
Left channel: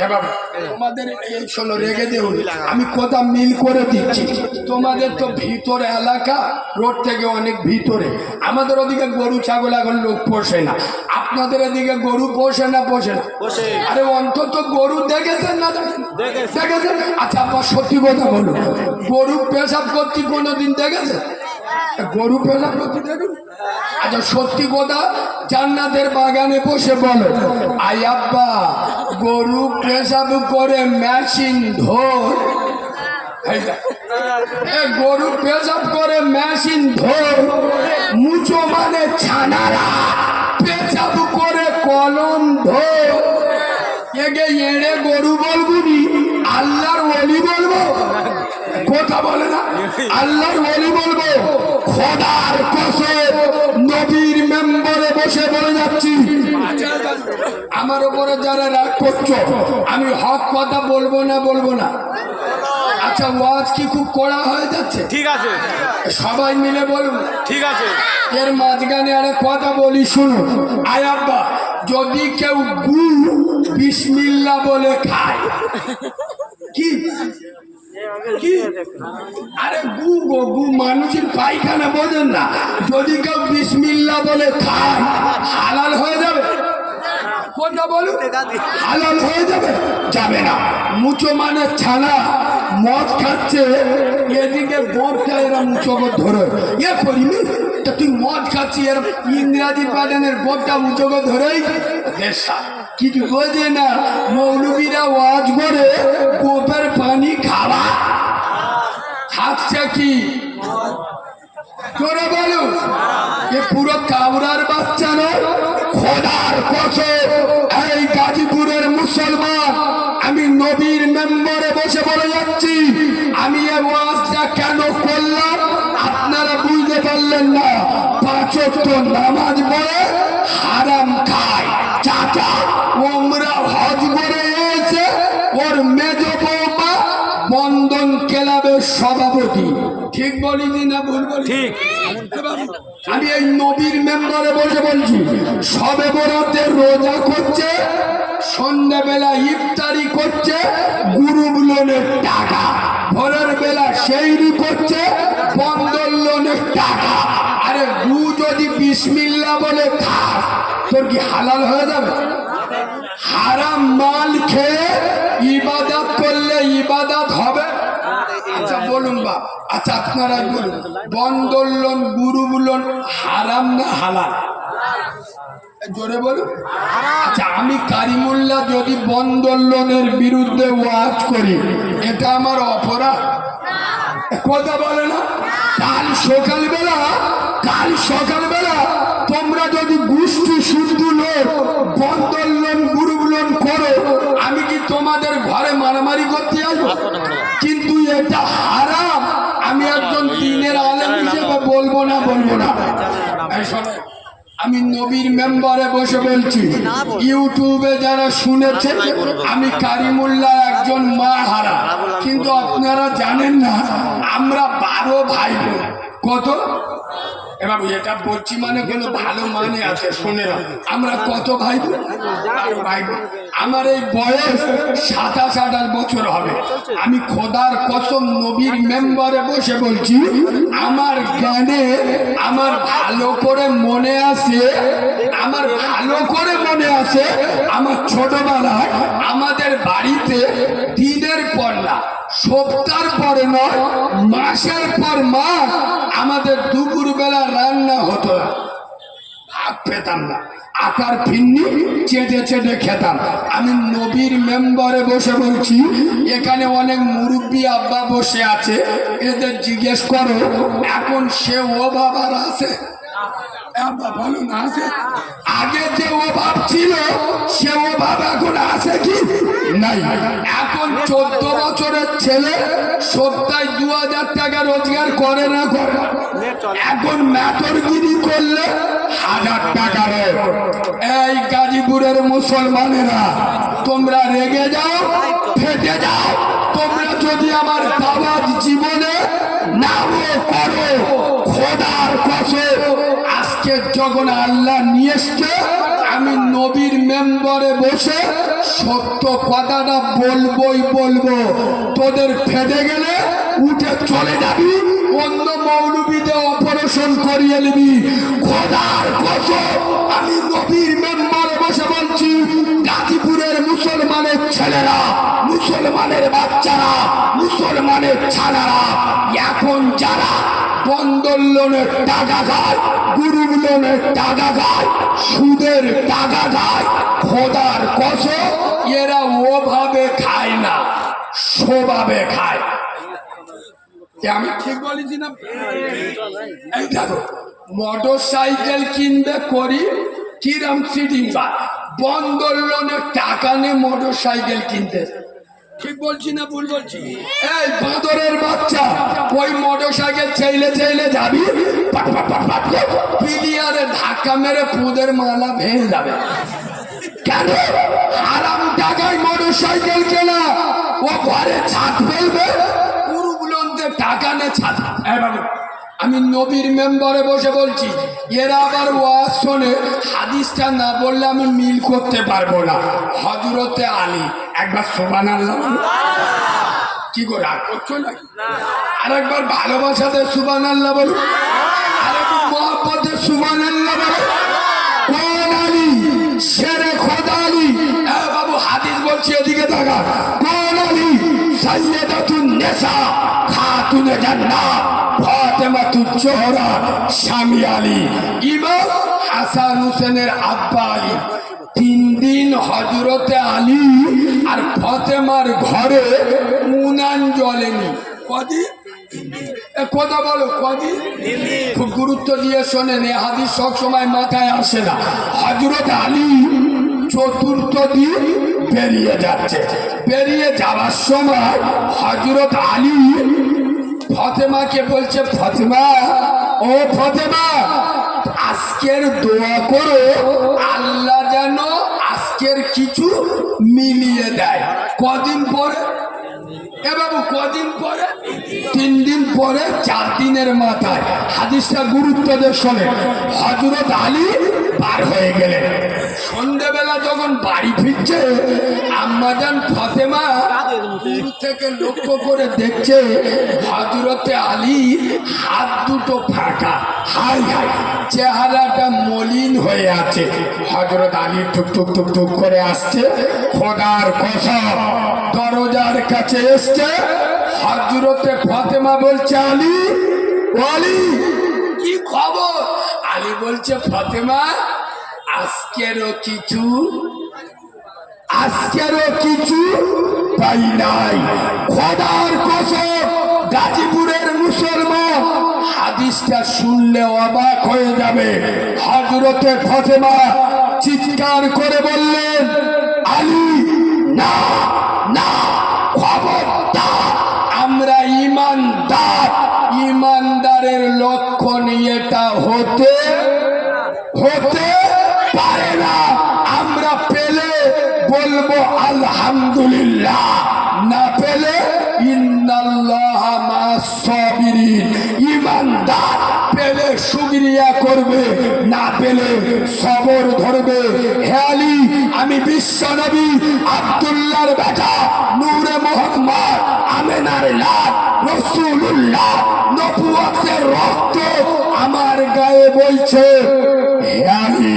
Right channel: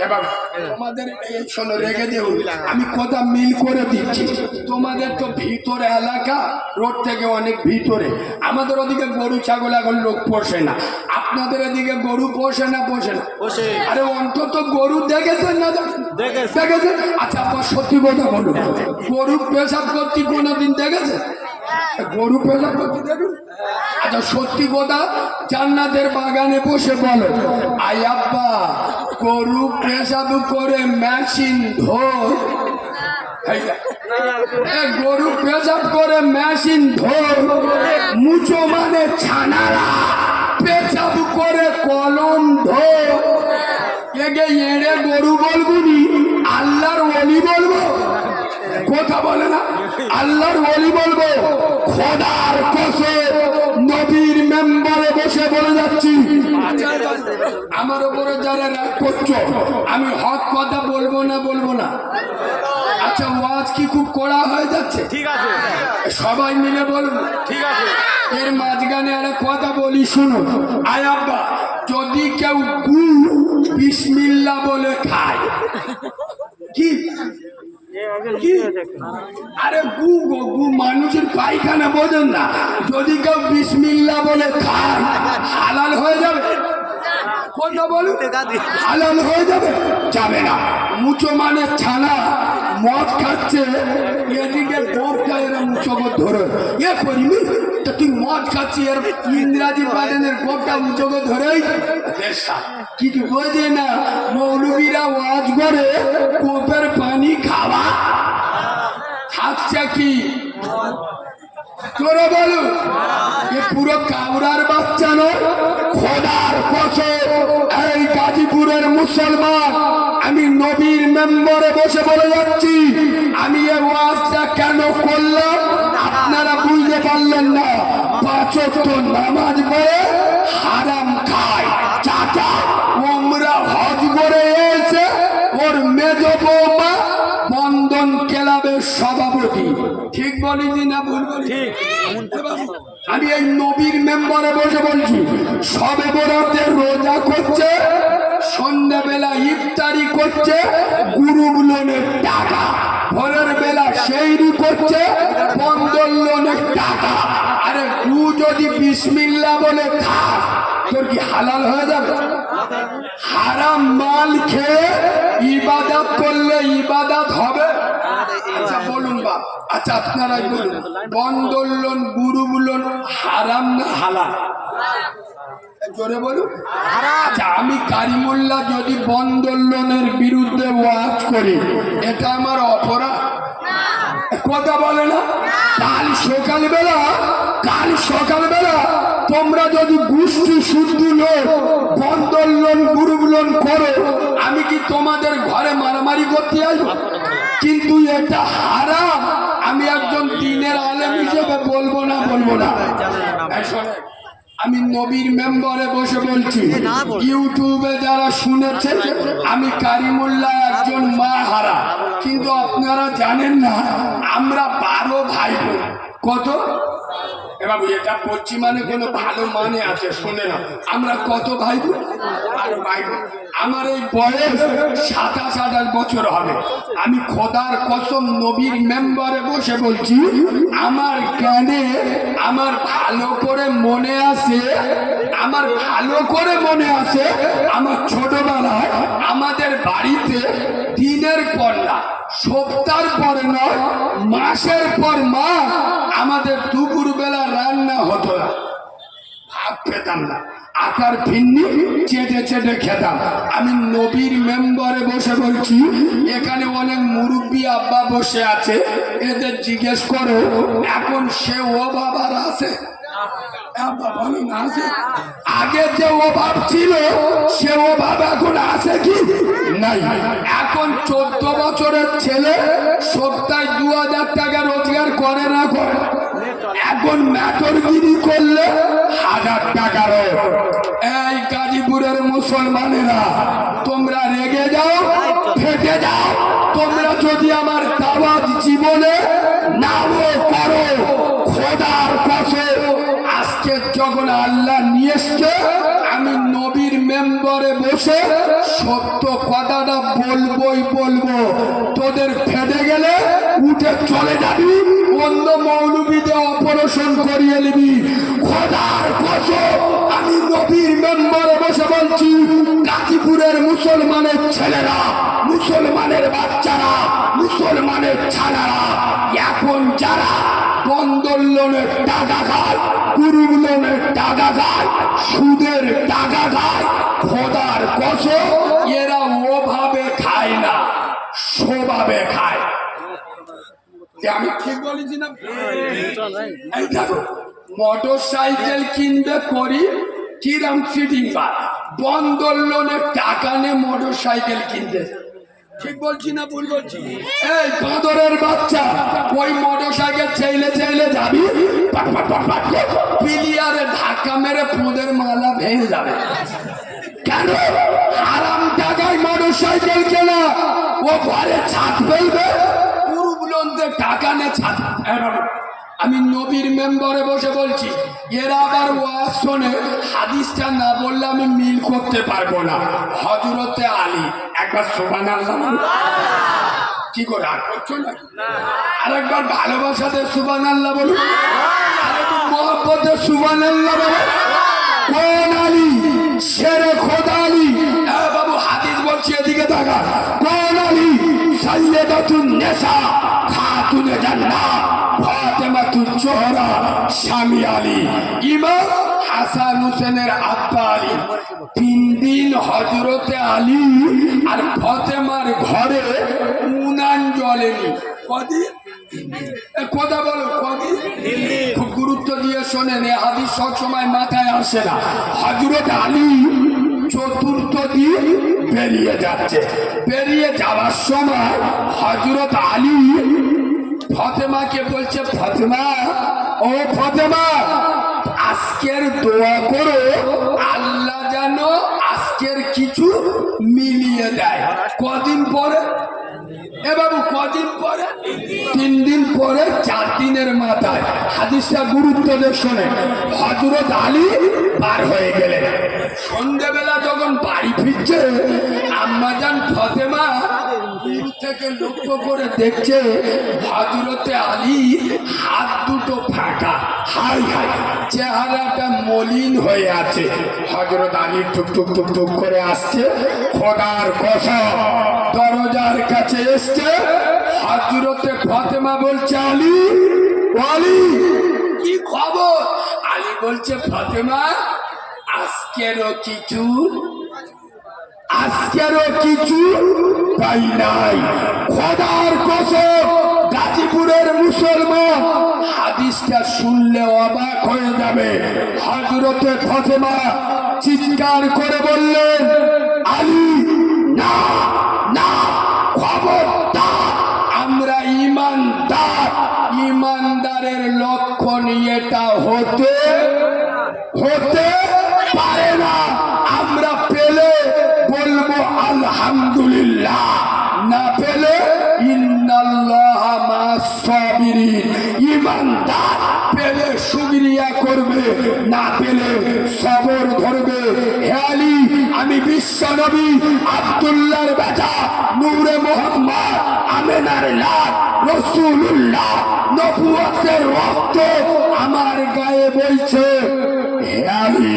এবার তোমাদের এই শোনো, রেগে দেব, আমি কথা মিল করে দিচ্ছি। তোমাদের তো ভিতরে এলাকা, রোড থেকে অনেক ভিতরে। আমাদের ওদিকে গরু ছাগল এখন লোক পোষে না। আপনাদের এদিকে গরু পোষে না? পোষে না? আরে অন্তত গরু দেখেছেন না? দেখেছেন? আচ্ছা আপনার সত্যি কথা বলুন, গরু পেশাব করতে কোনোদিন দেখেছেন? গরু পেশাব করতে দেখুন। আচ্ছা সত্যি কথা জান্নাতের বাগানে বসে বলে, আই আব্বা গরু পেশাব করে মেশিন ধর। গরু পেশাব করে মেশিন ধর, মুচো মানে ছানারা পেশাব করে কলম ধর। এগে এড়ে গরু বলবুনি, আল্লাহর ওলি বলবো? কথা বলে না? আল্লাহর ওলি বলবো। খোদার কসম নবীর মেম্বারে বসে বলে যাচ্ছি, আমার উপরে যারা রাগ করছো, আমি হক কথা বলবো না? বলবো না? আচ্ছা ওয়াজ কি খুব কড়া হয়ে যাচ্ছে? ঠিক আছে, সবাই মিলে বলবো। ঠিক আছে, এর মাঝখানে একটা কথা বলি শুনুন। আয় আব্বা, যদি কেউ গু বিসমিল্লাহ বলে খায়, কি কি? আরে গু গো, গু মানুষের পায়খানা বোঝেন না? যদি কেউ বিসমিল্লাহ বলে খায় হালাল হয়ে যাবে? কথা বলুন, হালাল হয়ে যাবে? যাবে না। মুচো মানে ছানা মদ খাচ্ছে, এদিকে বপটা এরা মুচো ধরে এ করিনি তো, তুই মদ খাচ্ছি, এর ইংরাজি বাগানের বপটা মুচো ধরেই দেশা কিছু বোঝে না। মৌলবীরা ওয়াজ করে কোপের পানি খাওয়া খাচ্ছে কি করে বলুন? এ পুরো কাউরার বাচ্চা নয়, খোদার কসম এই গাজীপুরের মুসলমান, আমি নবীর মেম্বারে বসে বলে যাচ্ছি, আমি এই ওয়াজটা কেন করলাম আপনারা বুঝতে পারলেন না। 5 ওয়াক্ত নামাজ পড়ে হারাম খায় চাচা, ওমরা হজ করে এসে ওর মেজ বৌমা বন্ধন ক্লাবের সভাপতি। ঠিক বলিনি না ভুল বলি? আমি এই নবীর মেম্বারে বসে বলছি, সবে বরাতে রোজা করছে, সন্ধ্যাবেলা ইফতারি করছে গ্রুপ লোনের টাকা, ভোরের বেলা সেইরি করছে বন্ধন লোনের টাকা। আরে গু যদি বিসমিল্লাহ বলে খাস, তোর কি হালাল হয়ে যাবে? হারাম মাল খেয়ে ইবাদত করলে ইবাদত হবে? আচ্ছা বলুন বাপ, আচ্ছা আপনারাই বলুন, বন্ধন লোন গ্রুপ লোন হারাম না হালাল? জোরে বলুন। আচ্ছা আমি কারিমুল্লাহ যদি বন্ধন লোনের বিরুদ্ধে ওয়াজ করি, এটা আমার অপরাধ? কথা বলে না? কাল সকালবেলা তোমরা যদি গোষ্ঠী শুদ্ধ লোক বন্ধন লোন গ্রুপ লোন করো, আমি কি তোমাদের ঘরে মারামারি করতে আসবো? কিন্তু এটা হারাম। আমি একজন দ্বীনের আলেম হিসেবে বলবো না। আমি নবীর মেম্বারে বসে বলছি, ইউটিউবে যারা শুনেছেন আমি কারিমুল্লাহ একজন মা হারা, কিন্তু আপনারা জানেন না আমরা 12 ভাই বোন। কত? এবার এটা বলছি মানে কোনো ভালো মানে আছে, শুনে নাও। আমরা কত ভাই বোন? 12 ভাই বোন। আমার এই বয়স 27-28 বছর হবে। আমি খোদার কসম নবীর মেম্বারে বসে বলছি, আমার জ্ঞানে আমার ভালো করে মনে আছে, আমার ছোটবেলায় আমাদের বাড়িতে দিনের পর না, সপ্তাহের পরে নয়, মাসের পর মাস আমাদের দুপুরবেলা রান্না হতো না, ভাত পেতাম না, আটার ফিন্নি চেটে খেতাম। আমি নবীর মেম্বারে বসে বলছি, এখানে অনেক মুরব্বী আব্বা বসে আছে, এদের জিজ্ঞেস করো এখন সে অভাব আর আছে? বলো না আছে? আগে যে অভাব ছিল সে অভাব এখন আছে কি? নাই। এখন 14 বছরের ছেলে সপ্তাহে 2000 টাকা রোজগার করে না করে? এখন নাটরগিরি করলে 1000 টাকা রোজ। এই গাজীপুরের মুসলমানেরা, তোমরা রেগে যাও, ফেটে যাও, তোমরা যদি আমার দাওয়াত জীবনে নাও করো, খোদার কসম আজকে যখন আল্লাহ নিয়ে এসছে, আমি নবীর মেম্বারে বসে সত্য কথাটা বলবো। তোদের ফেটে গেলে উঠে চলে যাবি, অন্য মৌলবীতে অপারেশন করিয়ে নিবি। খোদার কসম আমি নবীর মেম্বারে বসে বলছি, গাজীপুরের মুসলমানের ছেলেরা, মুসলমানের বাচ্চারা, মুসলমানের ছাড়ারা এখন যারা বন্ধন লোনের টাকা খায়, গ্রুপ লোনের টাকা খায়, সুদের টাকা খায়, খোদার কসম এরা ওভাবে খায় না, স্বভাবে খায়। আমি ঠিক বলেছি না? এই দেখো, মোটর সাইকেল কিনবে করি কিরাম সিটিং পায়, বন্ধন লোনের টাকা নিয়ে মোটর সাইকেল কিনতে। ঠিক বলছি না ভুল বলছি? এই বাঁদরের বাচ্চা, ওই মোটর সাইকেল চাইলে যাবি, পিলিয়ারে ধাক্কা মেরে পুঁদের মালা ভেঙে যাবে। কেন? হারাম টাকায় মোটর সাইকেল কেনা, ও ঘরে ছাদ ফেলবে, পুরুগুলোদের টাকা নে ছাদ। আমি নবীর মেম্বারে বসে বলছি, এরা আবার ওয়াজ শোনে, হাদিসটা না বললে আমি মিল করতে পারবো না। হযরতে আলী, একবার সুবহানাল্লাহ কি করে আর করছো নাকি? আর একবার ভালোবাসাতে সুবহানাল্লাহ বলো, আর একটু মহব্বতে সুবহানাল্লাহ বলো। কোন আলী? শেরে খোদা আলী। বাবু হাদিস বলছি, এদিকে তাকা। কোন আলী? সাইয়্যিদাতুন নিসা, খাতুনে জান্নাত, ফাতেমাতুজ জোহরা, স্বামী আলী, ইমাম হাসান হোসেনের আব্বা আলী। 3 দিন হযরতে আলী আর ফাতেমার ঘরে উনান জ্বলেনি। কদিন? কথা বলো, কদিন? খুব গুরুত্ব দিয়ে শোনেন, এ হাদিস সব সময় মাথায় আসে না। হযরতে আলী 4র্থ দিন বেরিয়ে যাচ্ছে, বেরিয়ে যাওয়ার সময় হযরত আলী ফাতেমাকে বলছে, ফাতেমা, ও ফাতেমা, আজকের দোয়া করো আল্লাহ যেন আজকের কিছু মিলিয়ে দেয়। কদিন পরে? এ বাবু কদিন পরে? 3 দিন পরে, 4 দিনের মাথায়। হাদিসটা গুরুত্ব দিয়ে শোনে। হযরত আলী পার হয়ে গেলেন। সন্ধ্যেবেলা যখন বাড়ি ফিরছে, আম্মাজান ফাতেমা দূর থেকে লক্ষ্য করে দেখছে হযরতে আলী হাত দুটো ফাঁকা, হাই হাই, চেহারাটা মলিন হয়ে আছে। হযরত আলী টুক করে আসছে, খোদার কসম দরজার কাছে এসছে। হযরতে ফাতেমা বলছে, আলী, আলী কি খবর? আলী বলছে, ফাতেমা, আজকেরও কিছু পাই নাই। খোদার কসম গাজীপুর নূরের মুসলমান। হাদিসটা শুনলে অবাক হয়ে যাবে। হযরতে ফাতেমা চিৎকার করে বললেন, আলী না না, খবরদার, আমরা ঈমানদার। ঈমানদারের লক্ষণ এটা হতে পারে না। আমরা পেলে বলবো আলহামদুলিল্লাহ, না পেলে ইন্নাল্লাহ মা'আস সাবিরিন। ঈমানদার পেলে শুকরিয়া করবে, না পেলে সবর ধরবে। হে আলী, আমি বিশ্বনবী আব্দুল্লাহর বেটা, নূরে মুহাম্মদ, আমেনার লাল, রাসূলুল্লাহ, নবুয়তের রক্ত আমার গায়ে বইছে। হে আলী,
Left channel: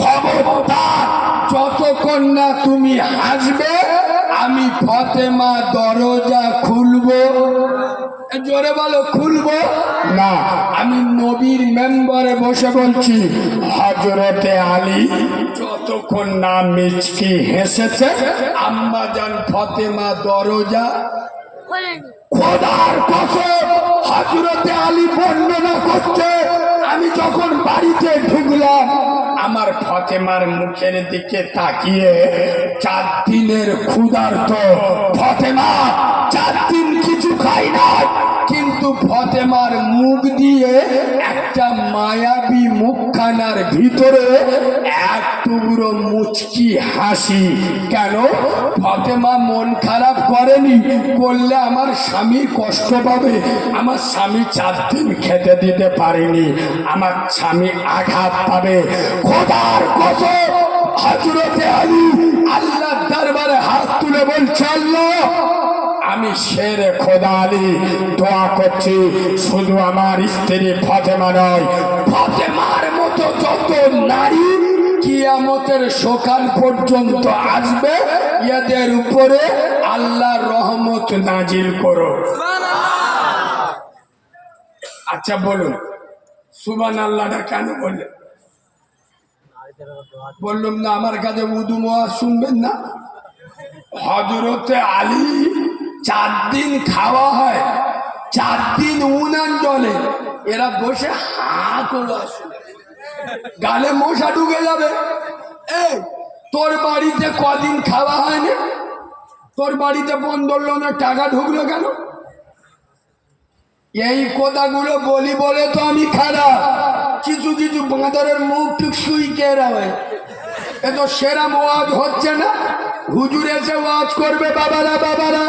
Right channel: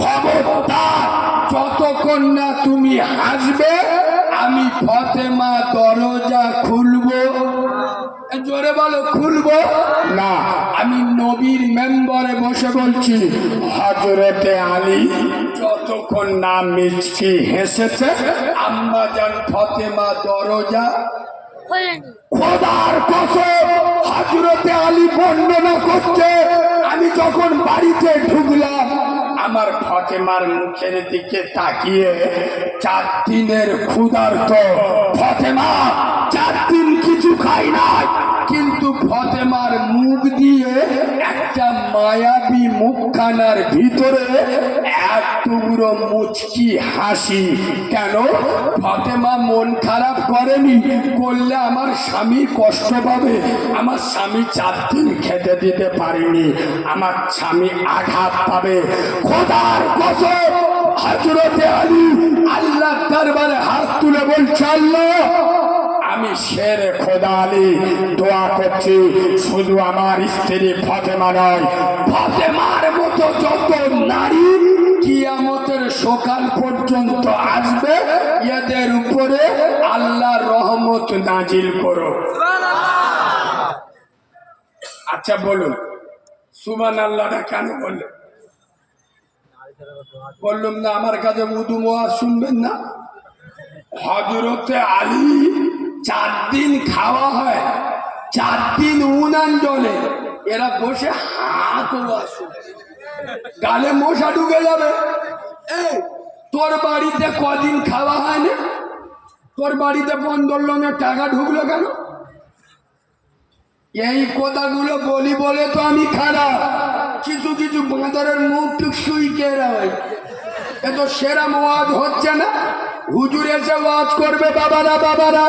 খবরদার, যতক্ষণ না তুমি হাসবে আমি ফাতেমা দরজা খুলবো। জোরে বলো, খুলবো না। আমি নবীর মেম্বারে বসে বলছি, হযরতে আলী যতক্ষণ না মিচকি হেসেছে আম্মা জান ফাতেমা দরজা খোদার কসম। হযরতে আলী বর্ণনা করছে, আমি যখন বাড়িতে ঢুকলাম আমার ফাতেমার মুখের দিকে তাকিয়ে 4 দিনের ক্ষুধার্ত ফাতেমা, 4 দিন কিছু খাই নাই, কিন্তু ফাতেমার মুখ দিয়ে একটা মায়াবী মুখখানার ভিতরে এক টুকরো মুচকি হাসি। কেন? ফাতেমা মন খারাপ করেনি, করলে আমার স্বামী কষ্ট পাবে। আমার স্বামী 4 দিন খেতে দিতে পারেনি, আমার স্বামী আঘাত পাবে। খোদার কসম, হযরতে আলী আল্লাহর দরবারে হাত তুলে বলছে, আল্লাহ, আমি শেরে খোদা আলী দোয়া করছি, শুধু আমার স্ত্রী ফাতেমা নয়, ফাতেমার মতো যত নারী কিয়ামতের সকাল পর্যন্ত আসবে, এদের উপরে আল্লাহর রহমত নাজিল করো। আচ্ছা বলুন, সুবহানাল্লাহটা কেন বললেন? বললাম না আমার কাছে উদু ওয়াজ শুনবেন না? হযরতে আলী 4 দিন খাওয়া হয়, 4 দিন উনান জলে, এরা বসে হাত ওয়াজ শুনে, গালে মশা ঢুকে যাবে। এই তোর বাড়িতে কদিন খাওয়া হয়নি? তোর বাড়িতে বন্দর লোনের টাকা ঢুকলো কেন? এই কথাগুলো বলি বলে তো আমি খারাপ। কিছু কিছু বাঁদরের মুখ টুক সুই কেরা হয়, এ তো সেরাম ওয়াজ হচ্ছে না। হুজুর এসে ওয়াজ করবে, বাবারা বাবারা,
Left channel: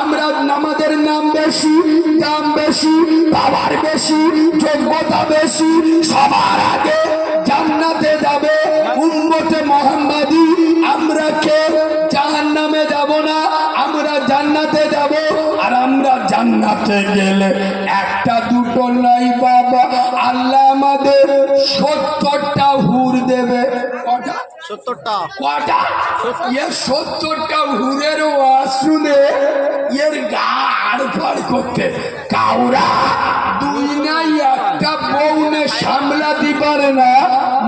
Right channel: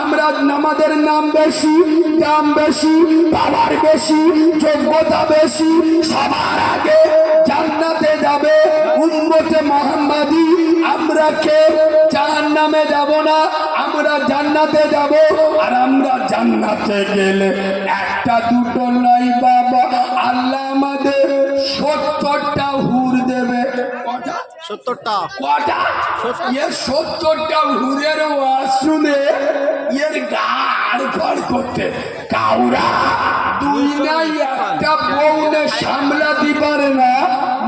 আমরা আমাদের নাম বেশি, দাম বেশি, পাওয়ার বেশি, যোগ্যতা বেশি, সবার আগে জান্নাতে যাবে উম্মতে মুহাম্মাদি। আমরা কে জাহান্নামে যাব না, আমরা জান্নাতে যাব। আর আমরা জান্নাতে গেলে একটা দুটো নাই বাবা, আল্লাহ আমাদের 70টা হুর দেবে। কটা? 70টা। কটা? এ 70টা হুরের ওয়াজ শুনে এর গা আড়ফাড় করতে, কাউরা 2 নাই একটা বউ না সামলাতে পারে না,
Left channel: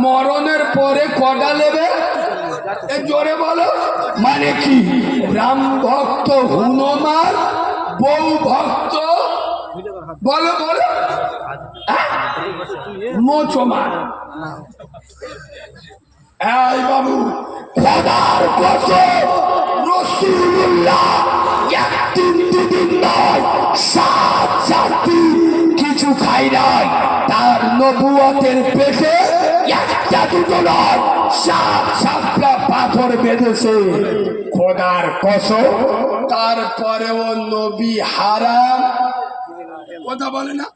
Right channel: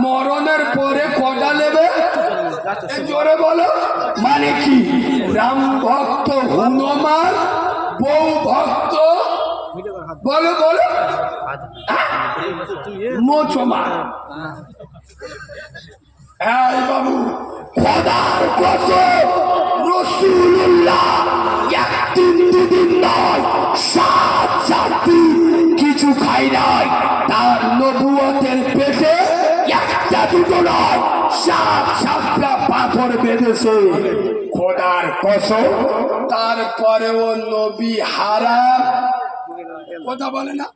মরণের পরে কটা নেবে? জোরে বলো, মানে কি? রাম ভক্ত হনুমান, বউ ভক্ত বলো বলো মোচমান। এই বাবু, খোদার কসম, রাসূলুল্লাহ 1 দিন 2 দিন নয়, 7 দিন কিছু খাই নাই। তার নবুয়তের পেটে একটা দুটো নয়, 7টা পাথর বেঁধেছে। খোদার কসম, তারপরেও নবী হারাম কথা বলে না,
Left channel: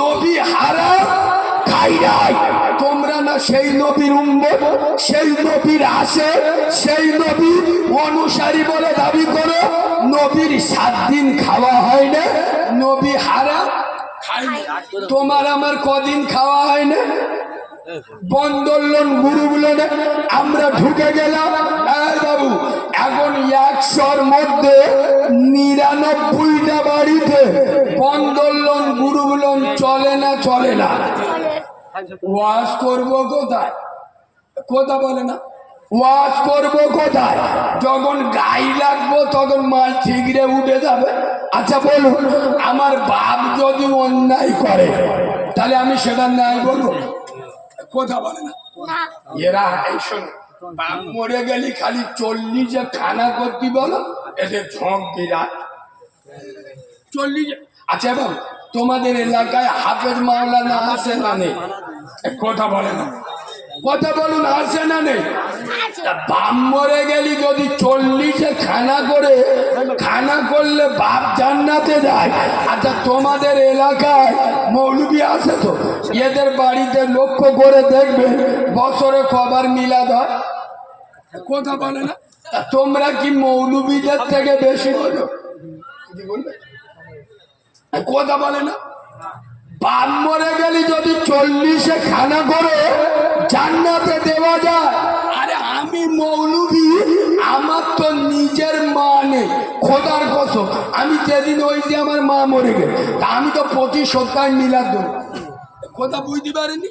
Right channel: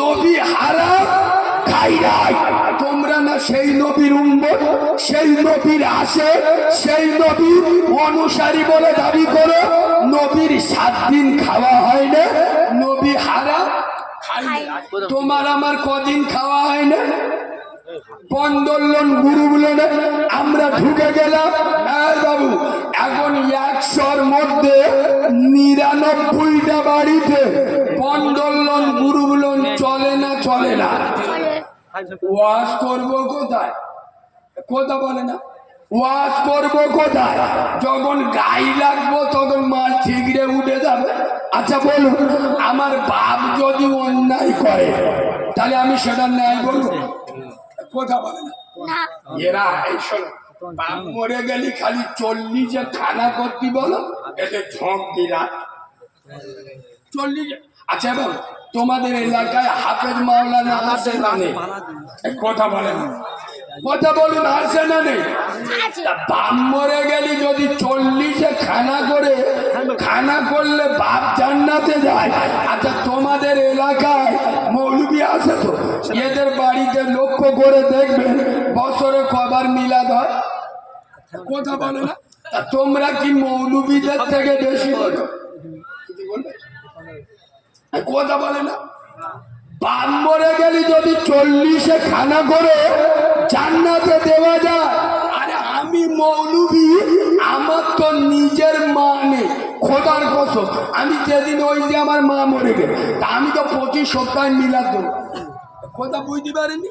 নবী হারাম খাই নাই। তোমরা না সেই নবীর উম্মত, সেই নবীর আসে, সেই নবীর অনুসারী বলে দাবি করো। নবীর 7 দিন খাওয়া হয় না, নবী হারাম খাই না। তোমার আমার কদিন খাওয়া হয় না? বন্দরলোন গুরুগুলো আমরা ঢুকে গেলাম। বাবু, এখন 100-র মধ্যে 99টা বাড়িতে বন্দরলোন গুরুগুলো চলে না, চলে না। ওয়াজ করবো কোথায়? কথা বলে না, ওয়াজ করবো কোথায়? যখন গাই লাগবো তখন মাল ঠিকরে উঠে যাবে। আচ্ছা বলুন, আমার বাপ যদি অন্যায় করে তাহলে আমি সেটা নাই বলবো? কথা বলে না এরা। এই শোনো, বাপ মরে গেলি খালি 40 খানা করতি বলো, এদের ঝোঁক দিরা 40। আচ্ছা বাবু, তোমাদের এলাকায় হাফেজ মাওলানা আছে না নেই? কথা বলে না, কথা বলুন, আছে না নেই? বাপ মরে গেলি যদি 40 খানা করে, খানা করলে বাপ জান্নাতে যায়। আচ্ছা তোমাদের এলাকায় মৌলবি আছে তো? এদের বাড়িতে লক্ষ্য করে দেখবে বছরে কবার মিলাদ হয়? কথা বলে না। তোমরা কি মৌলবীদের থেকে বেশি বলো? কথা বলে না। বাপ মরে গেলি যদি 40 খানা করে জান্নাতে দেওয়া যায়। আরে আমি মৌলবি, আমার তো নিজের মা নেই, খোদার কসম। আমি যেদিন ওই যে আমার মা মরে গেল, তা আমি তো প্রতি সপ্তাহে মিলাদ দেবো। কথা বুঝতে পারিনি?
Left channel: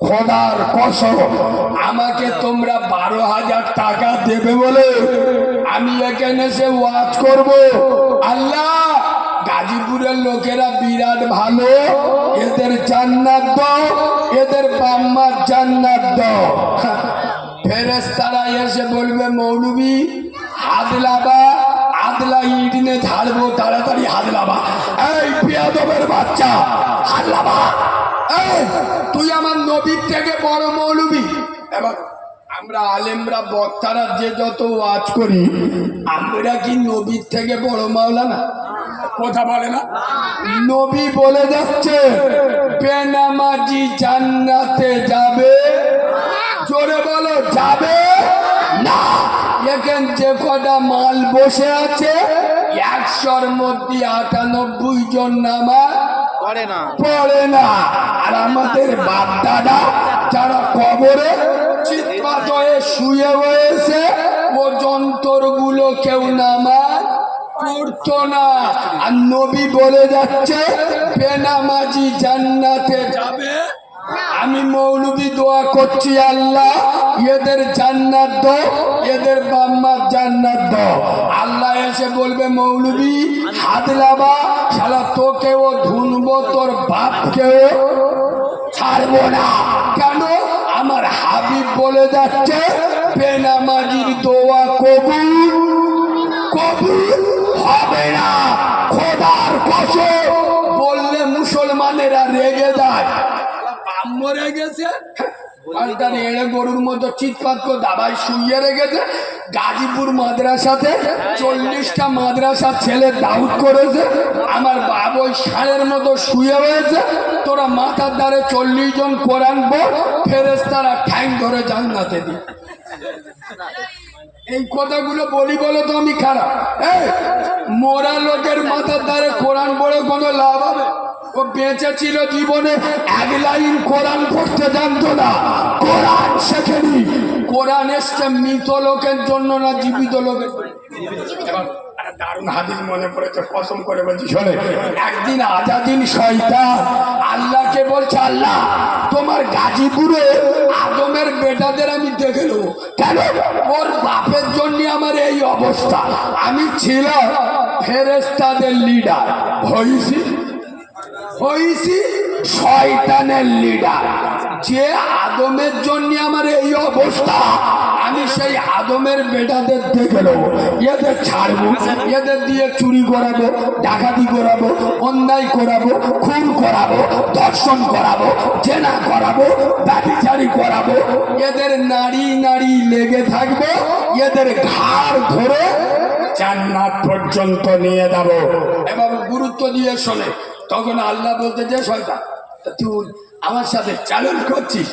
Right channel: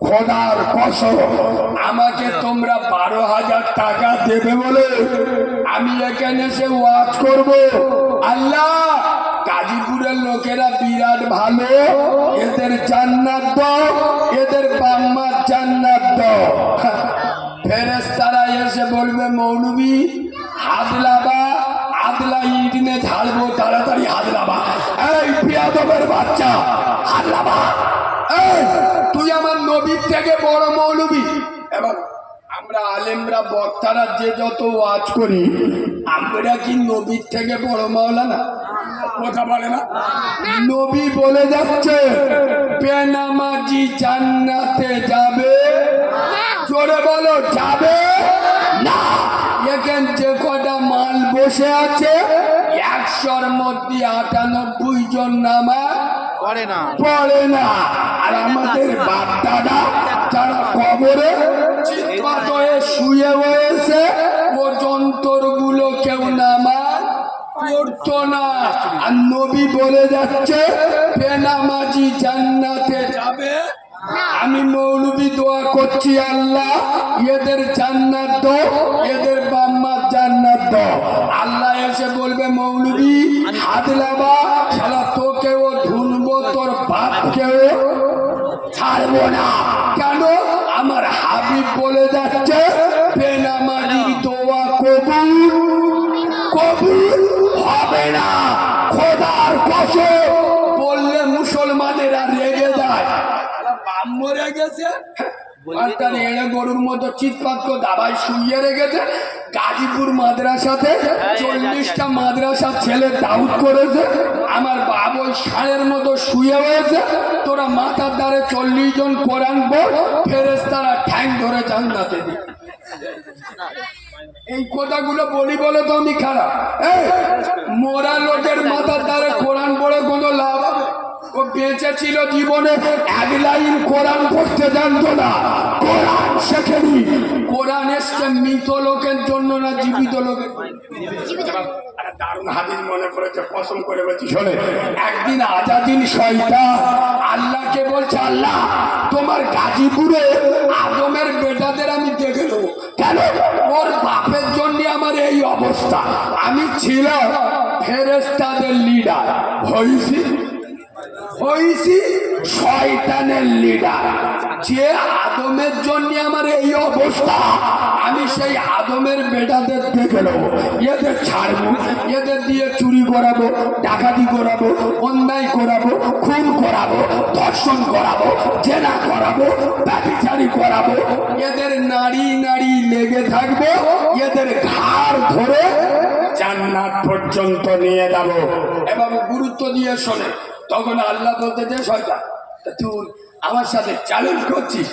খোদার কসম, আমাকে তোমরা 12,000 টাকা দেবে বলে আমি এখানে এসে ওয়াজ করব। আল্লাহ, গাজীপুরের লোকেরা বিরাট ভালো, এদের জান্নাত দাও, এদের বাম্মার জান্নাত দাও। ফেরেশতারা এসে বলবে মৌলবি হাদলাবা, আদলা ইট নিয়ে ঝাড়বো, তাড়াতাড়ি হাদলাবা। এই বেয়াদবের বাচ্চা, হাদলাবা। এই তুই আমার নবীর থেকে বড় মৌলবি। এবার আমরা আলেমরা বক্তারা যে যত ওয়াজ করি, আমরা কি নবীর থেকে বড় মাওলানা? কথা বলে না। নবী বলে যাচ্ছে বেনামাজি জান্নাতে যাবে। জোরে বলো, যাবে না। এখান যে কটা মাল বসে আছে 100-র মধ্যে 98 জন নামাজ পড়ে না। আর আমাদের বাপ দাদা যারা কবরে চিৎপাত হয়ে শুয়ে রয়েছে, ও যন্ত্রগুলো কেউ নামাজ পড়তো না। আর নবী বলে যাচ্ছে বেনামাজি জান্নাতে যাবে। আমি মৌলবি দোয়া করছি, আল্লাহ এদের জান্নাত দাও, এদের বাম্মার জান্নাত দাও। আল্লাহ এসে বলবে মৌলবি হাদলাবা, শালা তোকেও ধুনবো, তোর বাপকেও ছাড়বো না। কেন? আমার হাবিব বলে যাচ্ছে বেনামাজির দোয়া কবুল কবুল হবে না। খোদার কসম, বললে মুসলমানেরা রেগে যায়। বাপ মরে গেছে, গরুর মতো চিৎপাত করে দাবাই শুইয়ে রেখেছে। গাজীপুর মাদ্রাসাতে 40টা মাদ্রাসার ছেলে দাউদ করেছে, আমার বাপ ওই ষাঁড়ের মতো শুয়ে রয়েছে। তোরা মাথার দ্বারে 40 জন কোরআন পড়, ফেরেশতারা ঠ্যাং ধরে জান্নাতে দি। এই কথাগুলো বলি বলে তো আমি খারাপ? মরা লোকের মাথার দ্বারে কোরআন পড়ে কোনো লাভ হবে? ও বেঁচে ছিল, জীবনে 1 লাইন কোরআন পড়তে জানতো না, কোরআন শেখেনি। কোরআন এসছে মৃত লোকের জন্য না জীবিত লোকের? দারুণ হাদিস মনে পড়েছে, কসম করে বলছি শোনে। একদিন আজাদিন শয়তান আল্লাহকে বলছে, আল্লাহ তোমার গাজীপুরে আদমের বেটাদের আমি দেখে নেবো। কেন? ওর বাপের জন্য আমার এই অবস্থা। আমি ছিলাম ফেরেশতাদের লিডার, হইছি শয়তানের লিডার। যে আদমের জন্য আমার এই অবস্থা, আমি সেই আদমের বেটাদের দেখে নেবো, এদের ছাড়বো, এদের দিয়ে চুরি করাবো, ডাকাতি করাবো, অন্যায় করাবো, খুন করাবো, ধর্ষণ করাবো, জেনা করাবো, ব্যভিচারী করাবো। এদের নারী নারী লেগে থাকবো, এদের ঘাড় ধরে জান্নাত পর্যন্ত নিয়ে যাবো। এবং গুরুত্ব দিয়ে শোনে। তখন আল্লাহ বলতে, যে শয়তান তুই আমার সাথে চ্যালেঞ্জ করছিস,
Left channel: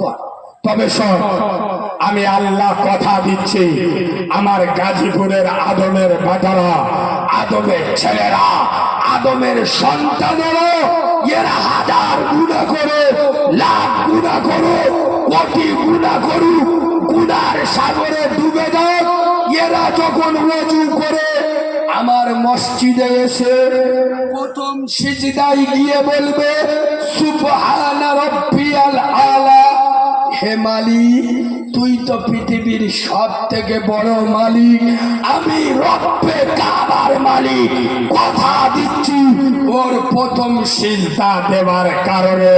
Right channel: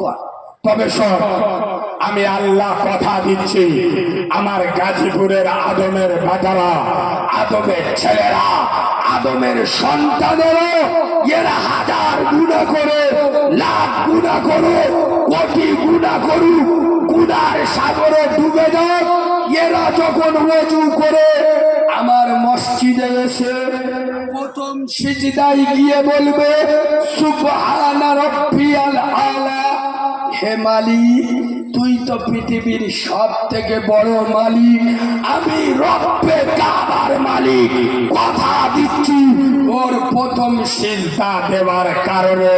কর। তবে শোন, আমি আল্লাহ কথা দিচ্ছি, আমার গাজীপুরের আদমের বেটারা, আদমের ছেলেরা, আদমের সন্তানেরা, এরা 1000 গুনাহ করে, লাখ গুনাহ করে, কোটি গুনাহ করুক, গুনার সাগরে ডুবে যায়। এরা যখন ওযু করে আমার মসজিদে এসে প্রথম সিজদায় গিয়ে বলবে সুবহান রাব্বিয়াল আলা। হে মালিক, তুই তো পৃথিবীর সব থেকে বড় মালিক আমি, রব্বে কাবার মালিক। কথা দিচ্ছি ওর প্রথম সিজদা দেওয়ার কারণে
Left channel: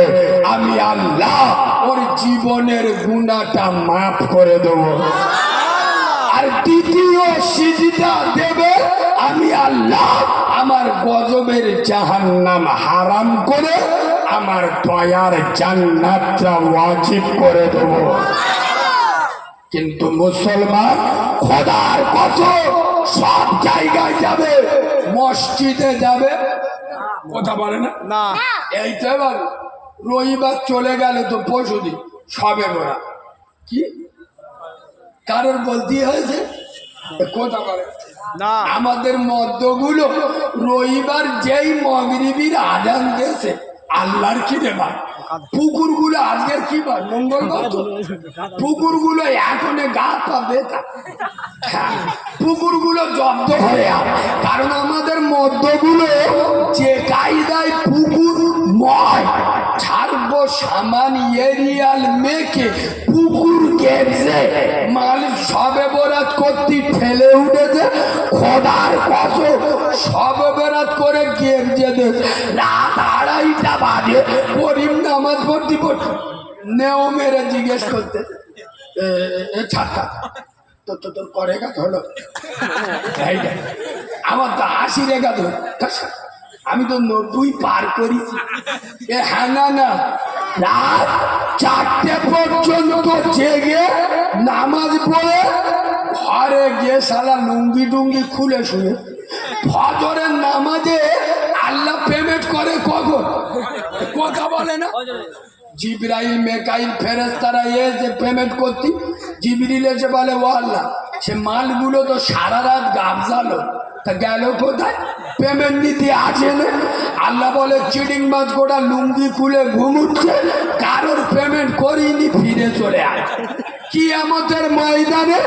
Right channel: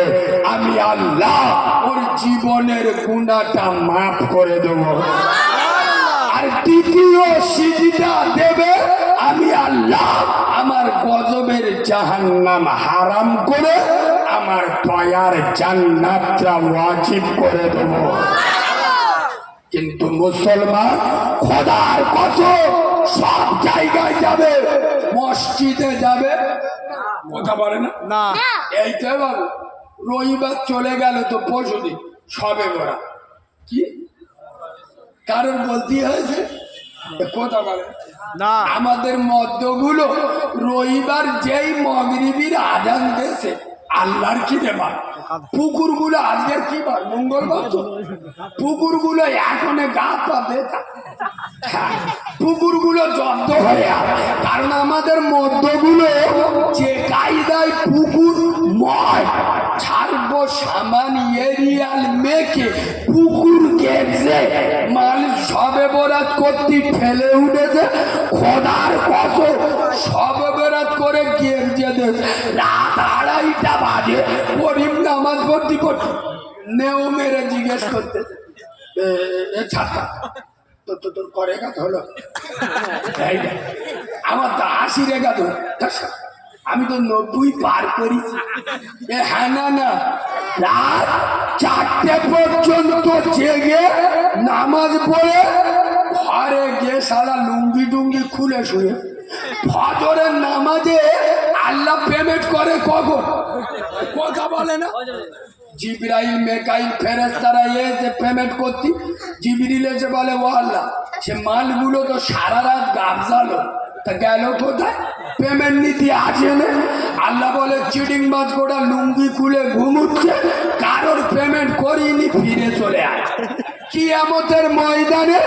আমি আল্লাহ ওর জীবনের গুনাহটা মাফ করে দেব। আর দ্বিতীয় সিজদা দেবে আমি আল্লাহ আমার গজবের জাহান্নাম হারাম করে আমার দয়ার জান্নাতটা ওয়াজিব করে দেব। কিন্তু মুসলমান খোদার কসম সব জায়গায় যাবে, মসজিদে যাবে, কথা বলে না। এই তো বাবু রবিবার চলে গেল তো পরশুদিন সবে বরা কি কারোর বলতে হয়েছে, কথা বলে না। আমাদের মদ্যগুলো রবিবার যেই মাগরিবির আজান দিয়েছে আল্লাহর কি দেবা, পুকুরগুলো আজকের কি বার মঙ্গলবার, তো পুকুরগুলো এখন গা পাবে, পুকুরগুলো জব্দ হয়ে কারণ আমাদের মদ্যগুলো যে কায়দায় পুকুর ময় ছাড়বো সামান এরিয়াল মেকে পুকুর কেটে মাল সবে বরাত করতে ঠেলে উঠেছে। খোদার কসম সবে বরাত করে গেমজে দিয়েছে। রাত 2:30টা বাজে করিম নামাজ পড়তে পড়তে নেও মেরে জিজ্ঞেস করতে ছাতা তোর করে কাজ হলো, আমার তো 80 রেখা তো, আমি তো 90 পার করেছি। হ্যাঁ না রাত 4টে পর্যন্ত জেগে নামাজ পড়ে ঘরে গিয়ে সারা লুঙ্গি টুঙ্গি খুলে শুয়ে ফজরের নামাজে আল্লাহ পেমেন্ট করে কখন, কথা বলে না। জিবরাইল মেকাইল ফেরেশতারা এসে পেমেন্ট করতি, জিবরিল এসে বলে ও আল্লাহ সে মালগুলো তো সারা রাত গাবজালো, তা গেল কোথায়, পেমেন্ট নিতে আসে না। আল্লাহ বলে চিটিং মাছ গোটা লুঙ্গি খুলে ঘুমুচ্ছে, কারোর পেমেন্ট করিনি, ফিরে চলে আসে। কিয়ামতের ময়দানে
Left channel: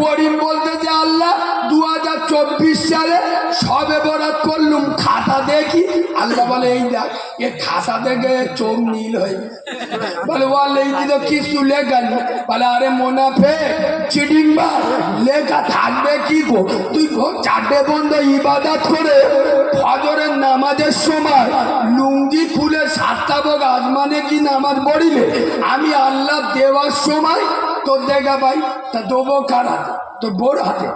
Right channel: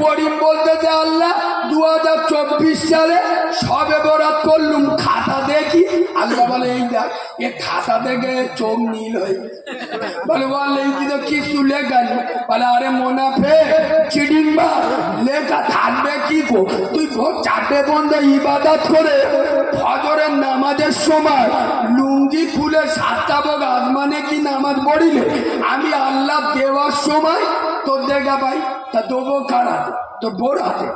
করিম বলতেছে আল্লাহ 2024 সালে সবে বরাত করলুম, খাতা দেখি। আল্লাহ বলে এই দেখ এ খাতা দেখে চোখ নীল হয়ে বলে ও আল্লাহ এই তো কিছু লেখা নেই। বলে আরে মোনাফেক চিটিং মাছ লেখা থাকবে কি গো, তুই ভোর 4টে পর্যন্ত ইবাদত করে ফজরের নামাজের সময় লুঙ্গি খুলে 7টা বগ আসমানে কি নামাজ পড়িলে আমি আল্লাহ দেওয়ার সময় তোর দেখা ভাই তা দেবো কার হাতে, তোর বোর হাতে।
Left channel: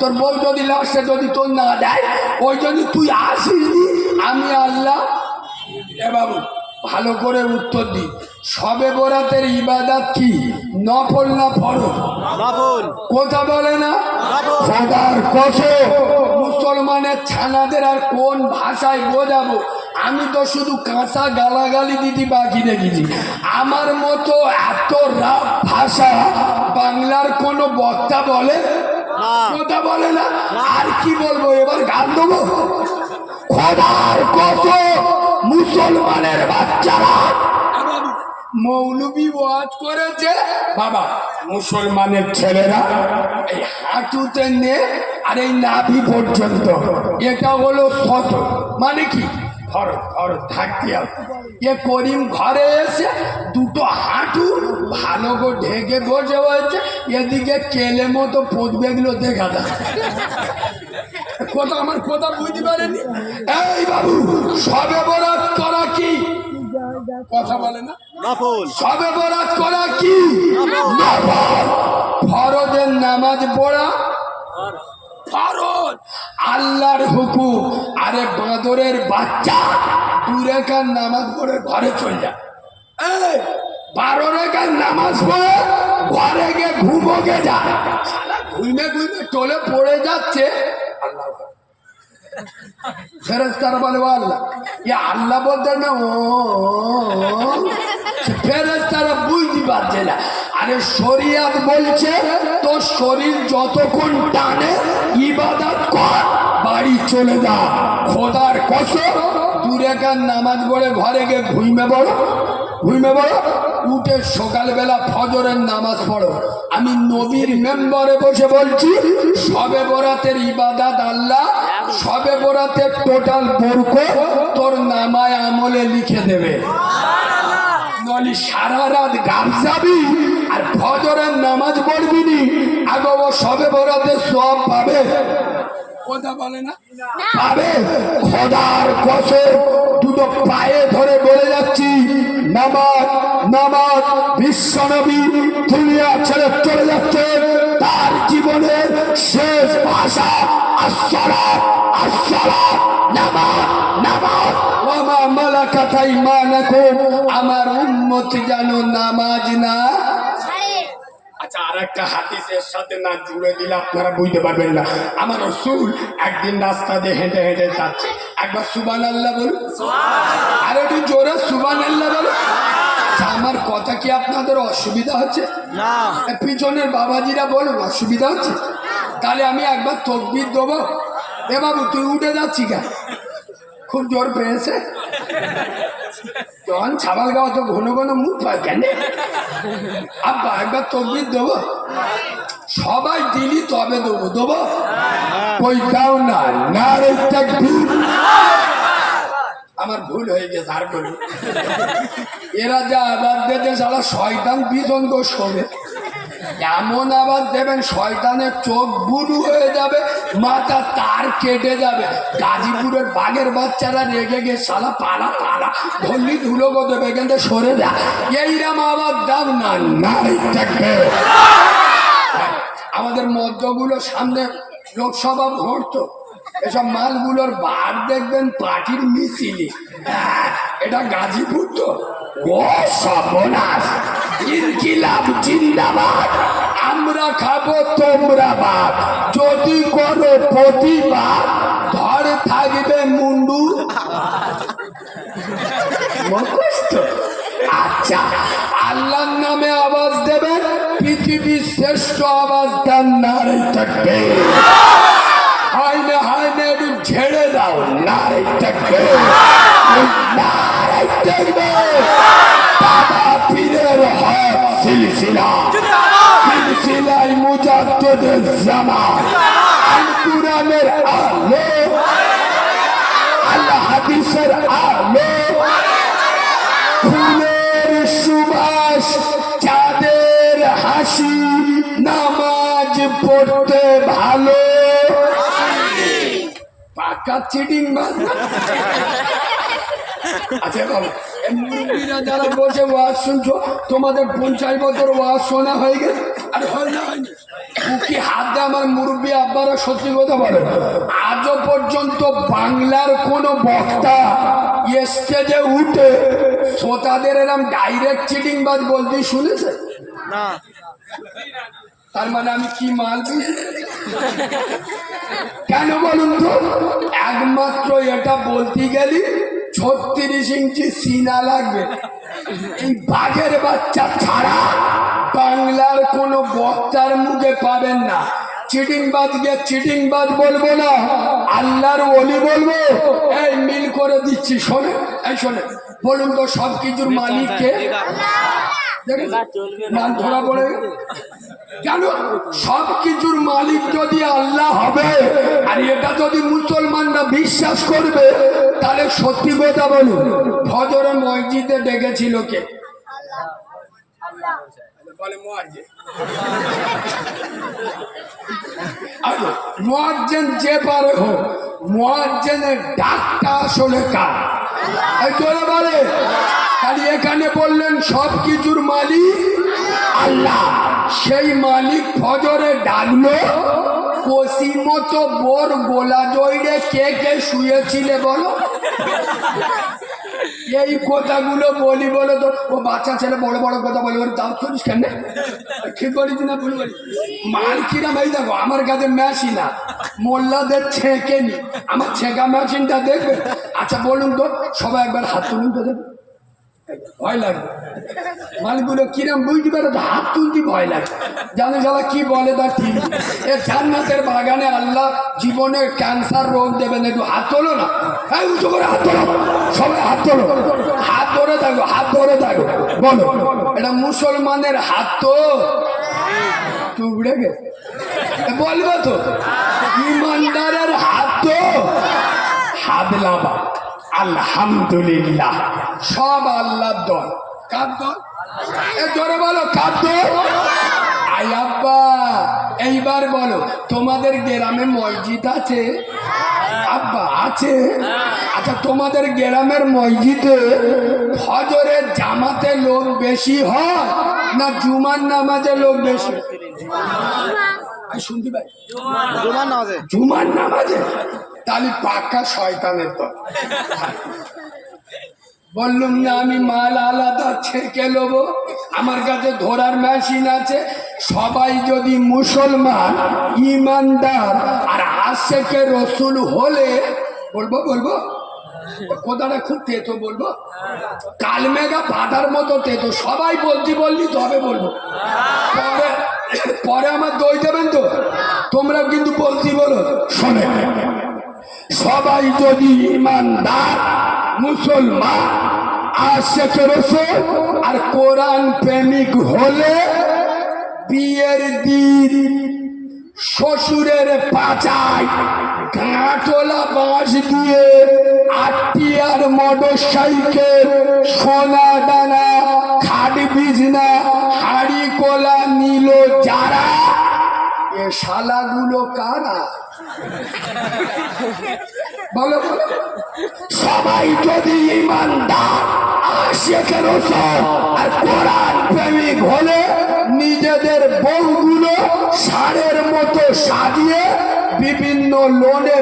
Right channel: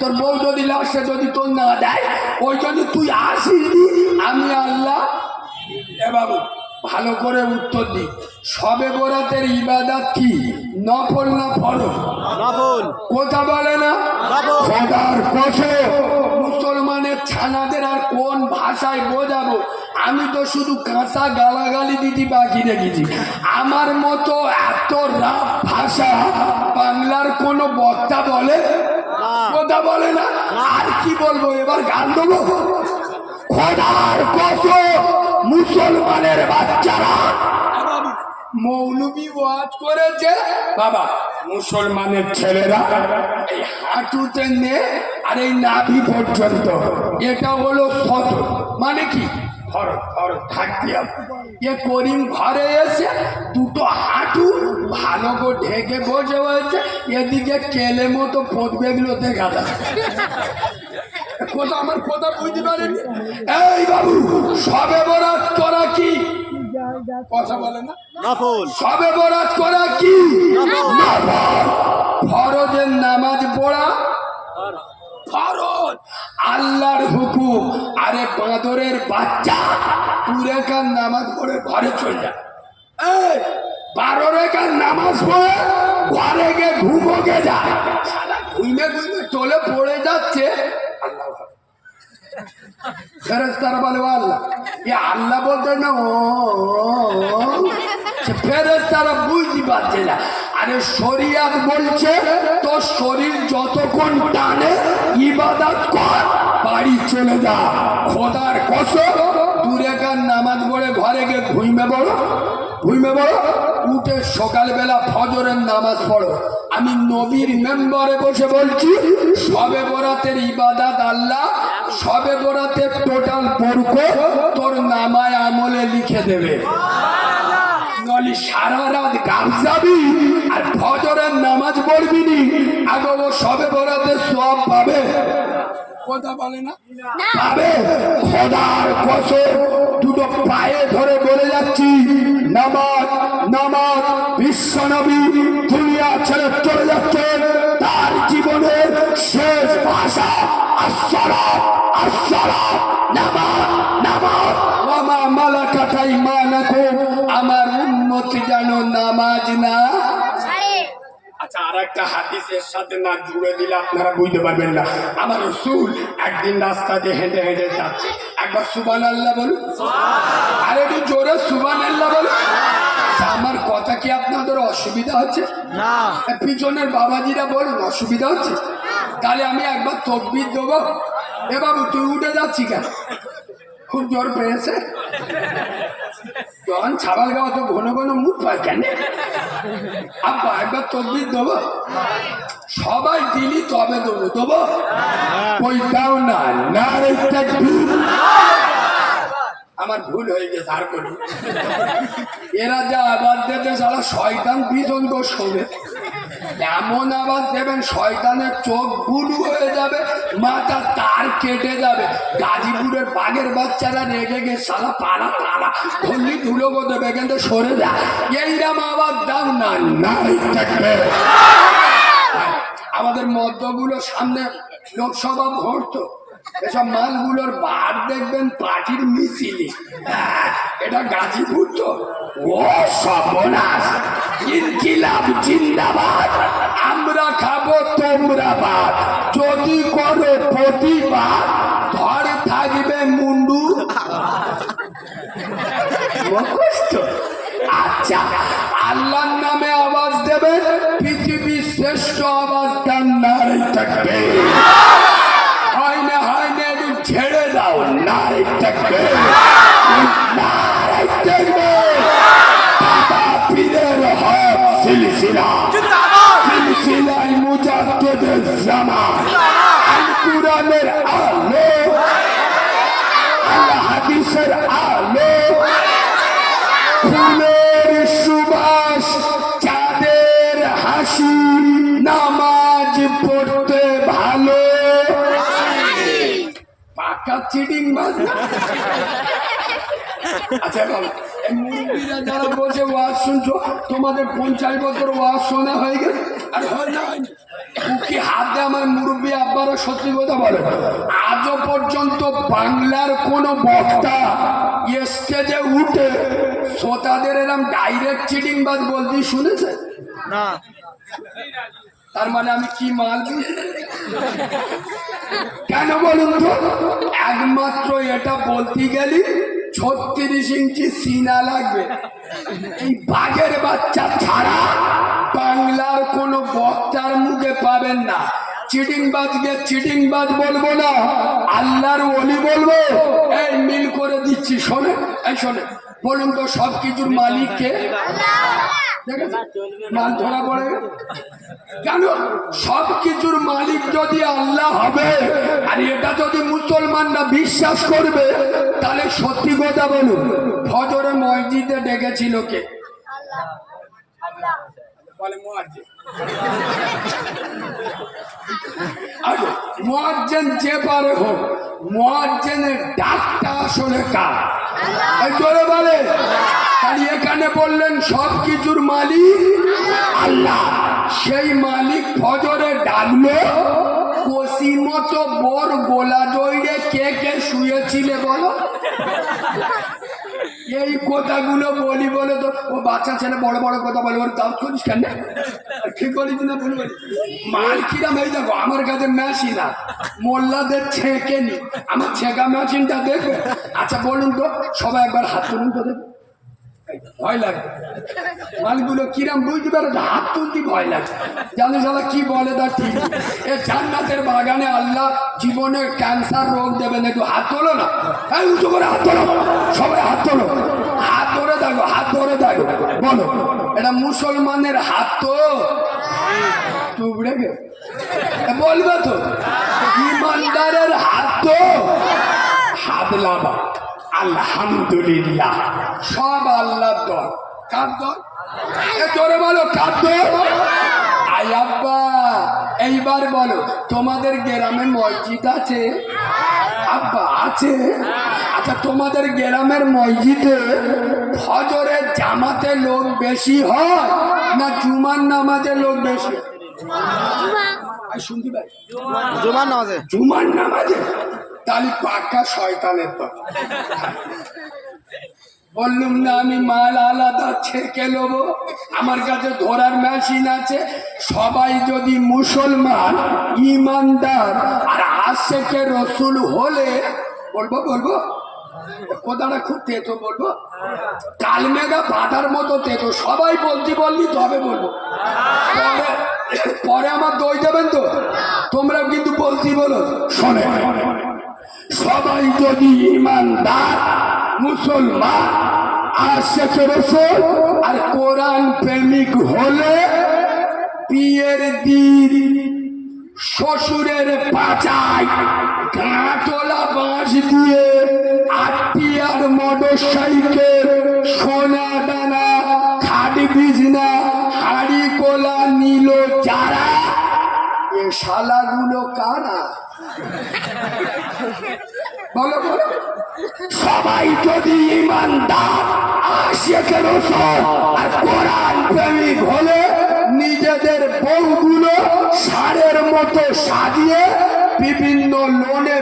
তোর বউ যদি লাস্টে যদি তোর না দেয় ওই যদি তুই আসিনি আমি আল্লাহ। এ বাবু ভালো করে উত্তর দি, সবে বরাতের ইবাদত কি নফল না ফরজ? নফল। কথা বলে না। খোদার কসম মুসলমানের ছানাদের আর কোন ভাষায় বোঝাবো, আমি তো শুধু কাঁচা গালাগালি দিতে বাকি রেখেছি। আমার মতো এত রাফ ভাষা বাংলার কোনো বক্তা বলে, কথা বলে না। আর কি বলবো, এবার গান দেবো। খোদার কসম মুসলমানের বাচ্চারা মৌলবি ওয়াজ করেছে বাবা, মুসলমানের ছেলেরা এই হাঁটুতে নে আর এই নাভি পর্যন্ত এটা হলো শত, মানে কি ফরজ, ফরজ থাকতে হবে। এ করিম ঘরে এসে দুটো হাঁটু ভালো করে ঢেকে বসে হয়েছে, এদিকে কেলে মতো পদবেগুলো দেখা যায়। কথা আমার কথা বুঝতে পারেনি। এই বাবু সবে বরাত করা কি, কথা বলে না। সবে বরাত করা কি ফরজের নামাজ পড়া ফরজ, আল্লাহর হুকুম। আরে বাঁদরের বাচ্চা 2 রেখার নামাজ পড়ে ঘরে চলে যায়, 12 রেখার নামাজ পড়ে ঘরে গিয়ে ঘুমোকে যায়, ঘুমে ঘুমে টলে পড়ে যাচ্ছে। ফেরেশতারা বলে আল্লাহ, এ আল্লাহ বলতে না, ফেরেশতারা বুঝতে পারছে না। আরে শরিয়াত বলছে তোর শরীর যতক্ষণ টানে ইবাদত কর, বাড়ি চলে যা। খোদার কসম 2 রেখার নামাজ পড়ে ঘরে গিয়ে ঘুমে পড়ো, উঠে সকালবেলা ফজরের নামাজ পড়ো। আমি নবীর মেম্বারে বসে বলছি, সবে বরাতের ইবাদত আল্লাহ সবে বরাতের টোটাল বরকত তোর নামায় আমলে লিখে দেবে। নলি সারা রাত গান যাবি আর ফজরের নামাজ পড়বি নি আগে ও সবে বরাতে সব পাবে কথা বলে না পাবে খোদার কসম দুটো পায়ে ধরে বলে যাচ্ছি নামাজ নামাজ বিশ্বনবী দুনিয়া ছেড়ে চলে যাচ্ছে তার জীবনের শেষ ভাষা আসসালাত আসসালাত নামাজ নামাজ ওয়া মালাকাত আইমানুকুম আমার উম্মত যেন নামাজ না আচ্ছা আর একটা হাদিসের সাথে না জুড়ে দিলে আপনারা বুঝতে পারবেন না আমার রাসূল একদিন রাস্তা দিয়ে হেঁটে হেঁটে যাচ্ছে একবার সুবহানাল্লাহ বলুন আর একটু জোরে সুবহানাল্লাহ বলুন আমার কথা কি আপনাদের অসুবিধা হচ্ছে না পিছনের বাবাজিরা বলুন অসুবিধা হচ্ছে তাহলে আমি একবার তাকবীর দেবো এ বাবু তুই উঠে যাচ্ছি কেন খুব জোর পেয়েছে তখন ছাবাল গাওয়া তো ঘন ঘন মুখ পায় কেন আব্বা একবার তাকবীর দেবো সবাই দিলি তবে দেবো দেবো কই দাও না নারে তাকবীর আমার ভুল হয়ে গেছে আর বলুন এরা যা আওয়াজ দিতে সারা শয়তান পিছন তো শোবে এমন আওয়াজ দেবেন শয়তানের চোখ বুলু হয়ে যাবে মাথা তার কেটে যাবে গাজীপুরের বাঘের বাচ্চারা রেগে গিয়ে সালা পাড়া পাড়া ধরলি ধুলো দেবে এখান থেকে সরে যা এইরকম আওয়াজ দাও না নারী থাকবে আমাদের মদ্যগুলো সামনে লোকসভা ভোট তো এসব মালগুলোর বার দেখবেন পার্টির মিছিলি এটা গাজীপুর তো ও সর্বনাশ ইনকিলাব জিন্দাবাদ আমরা খাবো তোমরা বাদ যদি করো প্রতিবাদ ধরে থাকবে মুন্ডু আচ্ছা আল্লাহর নামে আওয়াজ দেবেন পৃথিবীর শ্রেষ্ঠ আওয়াজ দেন নারী থাকবে হয় না একটু ঝেড়ে দাও নারী থাকবে নারী থাকবে বাবা পীরের হক সিলসিলা সিলসিলায় মুজাদ্দিদের জামান কুরআনের আলো আল্লাহ হাদিসের আলো ফুলের সুবাস চাঁদের হাসি নামাজ পড়তে ভালো পাকা চিটিং মার আচ্ছা বাবা মুরব্বীরা যারা বসে ওয়াজ শুনছো তোমাদের 50 বছর ওয়াজ শোনা হয়ে গেছে আর হয় না হয়নি কি হাত দিয়ে আমার মুরব্বী আব্বারা সত্যি কথা বলো আজও পর্যন্ত বাংলার কোন বক্তা স্টেজে উঠে শ্রোতাদের এরকম ডাইরেক্ট চিটিং বাজ বলতে শুনেছে না তার মানে আমি কি মাল কেন বলুন তো একমাত্র এটা বলতে গেলি 36 ইঞ্চি সিনা লাগবে এই বাঘের বাচ্চা ছাড়া বাংলার কোন বক্তার মুখে পাবেন না চিটিং বাজকে চিটিং বাজ বলবো না আল্লাহর ওলি বলবো এই মিল করে দিচ্ছি শোনে এই শোনে বলুন তো সব কিছুর মালিক কে মান ধরা পড়ে কেন সব কিছুর মালিক যদি আল্লাহ হবে আর এটা যদি মুসলমানরা বিশ্বাস করবে তাহলে সত্যি কথা বলুন ফজরে মসজিদে ডেকেছিল কে বলে মুয়াজ্জিন যে পারে হোক মুয়াজ্জিনের ডাকটা আসলে কার জোরে বলে খালি এখানে বললেন সব কিছুর মালিক আল্লাহ সেই মালিক ফজরে ডাকলো কষি মতো বোর গোলা জড়িয়ে কে কে শুয়েছিলে বলো এই কথাগুলো বলি বলো তো ও বাচ্চা ছেলে বড় বড় কথা বলে ওর দাও করিস কেন ঠিক বলিস না ভুল বলি মাল কিরাম এই দেখো আমার কাছে মেশিন না মোল্লাদের ছেঁকে নি আমার ছেঁকা মেশিনটা দেখবে আচ্ছা বলুন তো সবাই একবার হাত তুলুন তো দেখ ভয় লাগে মালগুলো কিরাম বুঝতে পারো হাত তুলতে ভয় লাগে জানে সালা কি বলে তার ঠিক এ জান্নাতের বাগানে আল্লাহ জীবনে ক্যান্সার রোগ দেবেন একটু হাত তোলো না হ্যাঁ উঁচু করে হাত তোলো সবাই হাত তোলো হাত ধরে থাকো হাত ধরে থাকো বলো এটা মুসলমানের হাত তো তুবড়ে গেছে বলবে তো ইমানদারের হাত তো হাত লাভা আলহামদুলিল্লাহ সব আল্লাহর দল কার দল এ জোরে বলো কাঁদবে। আই আব্বা, এইবার বলো তোমাদের গ্রামে মসজিদ আছে? আব্বা আছে। আচ্ছা তোমাদের গ্রামের মসজিদে ফজরের জামাতে লোক বেশি হয় না জুমার নামাজে লোক বেশি? শুনতে পাই জুমার নামাজে। তাহলে পাক্কা শয়তানের তো। বললুম না আমি মাল আলাদা ছেঁকে নেবো, আমার কাছে ধরার মেশিন আছে। সবাই যদি মুসলমান ইমানদার আর আশেকে রসুল হলে বলবো বলবো কথাটা খুব তেতো বলবো, কালমেঘা বাঁধার মতো তেতো। সবাই বলছি বললি তবে বলবো, পরে পরে আমার দই দেবেন তো। তোমরা কিন্তু বলছি বলো। শোনে, সবাই যদি ইমানদার মুসলমান আশেকে রসুল আর কোরআন প্রেমিক হলে বিয়ের দিন শ্বশুরের পাচায় গাঁটোলা বাঁশ দিয়ে 8টি আর মোটর সাইকেল, সোনা দানা, খাট বিছনা, হাড়ি কোলা নিল যারা, এ শালাগুলো কারা? বলো বলো। সবাই যদি ইমানদার আশিকে রসুল আর কোরআন প্রেমিক হলে নিজেদের বউগুলো ষাঁড়ের মতো সাজিয়ে বিভিন্ন লোনে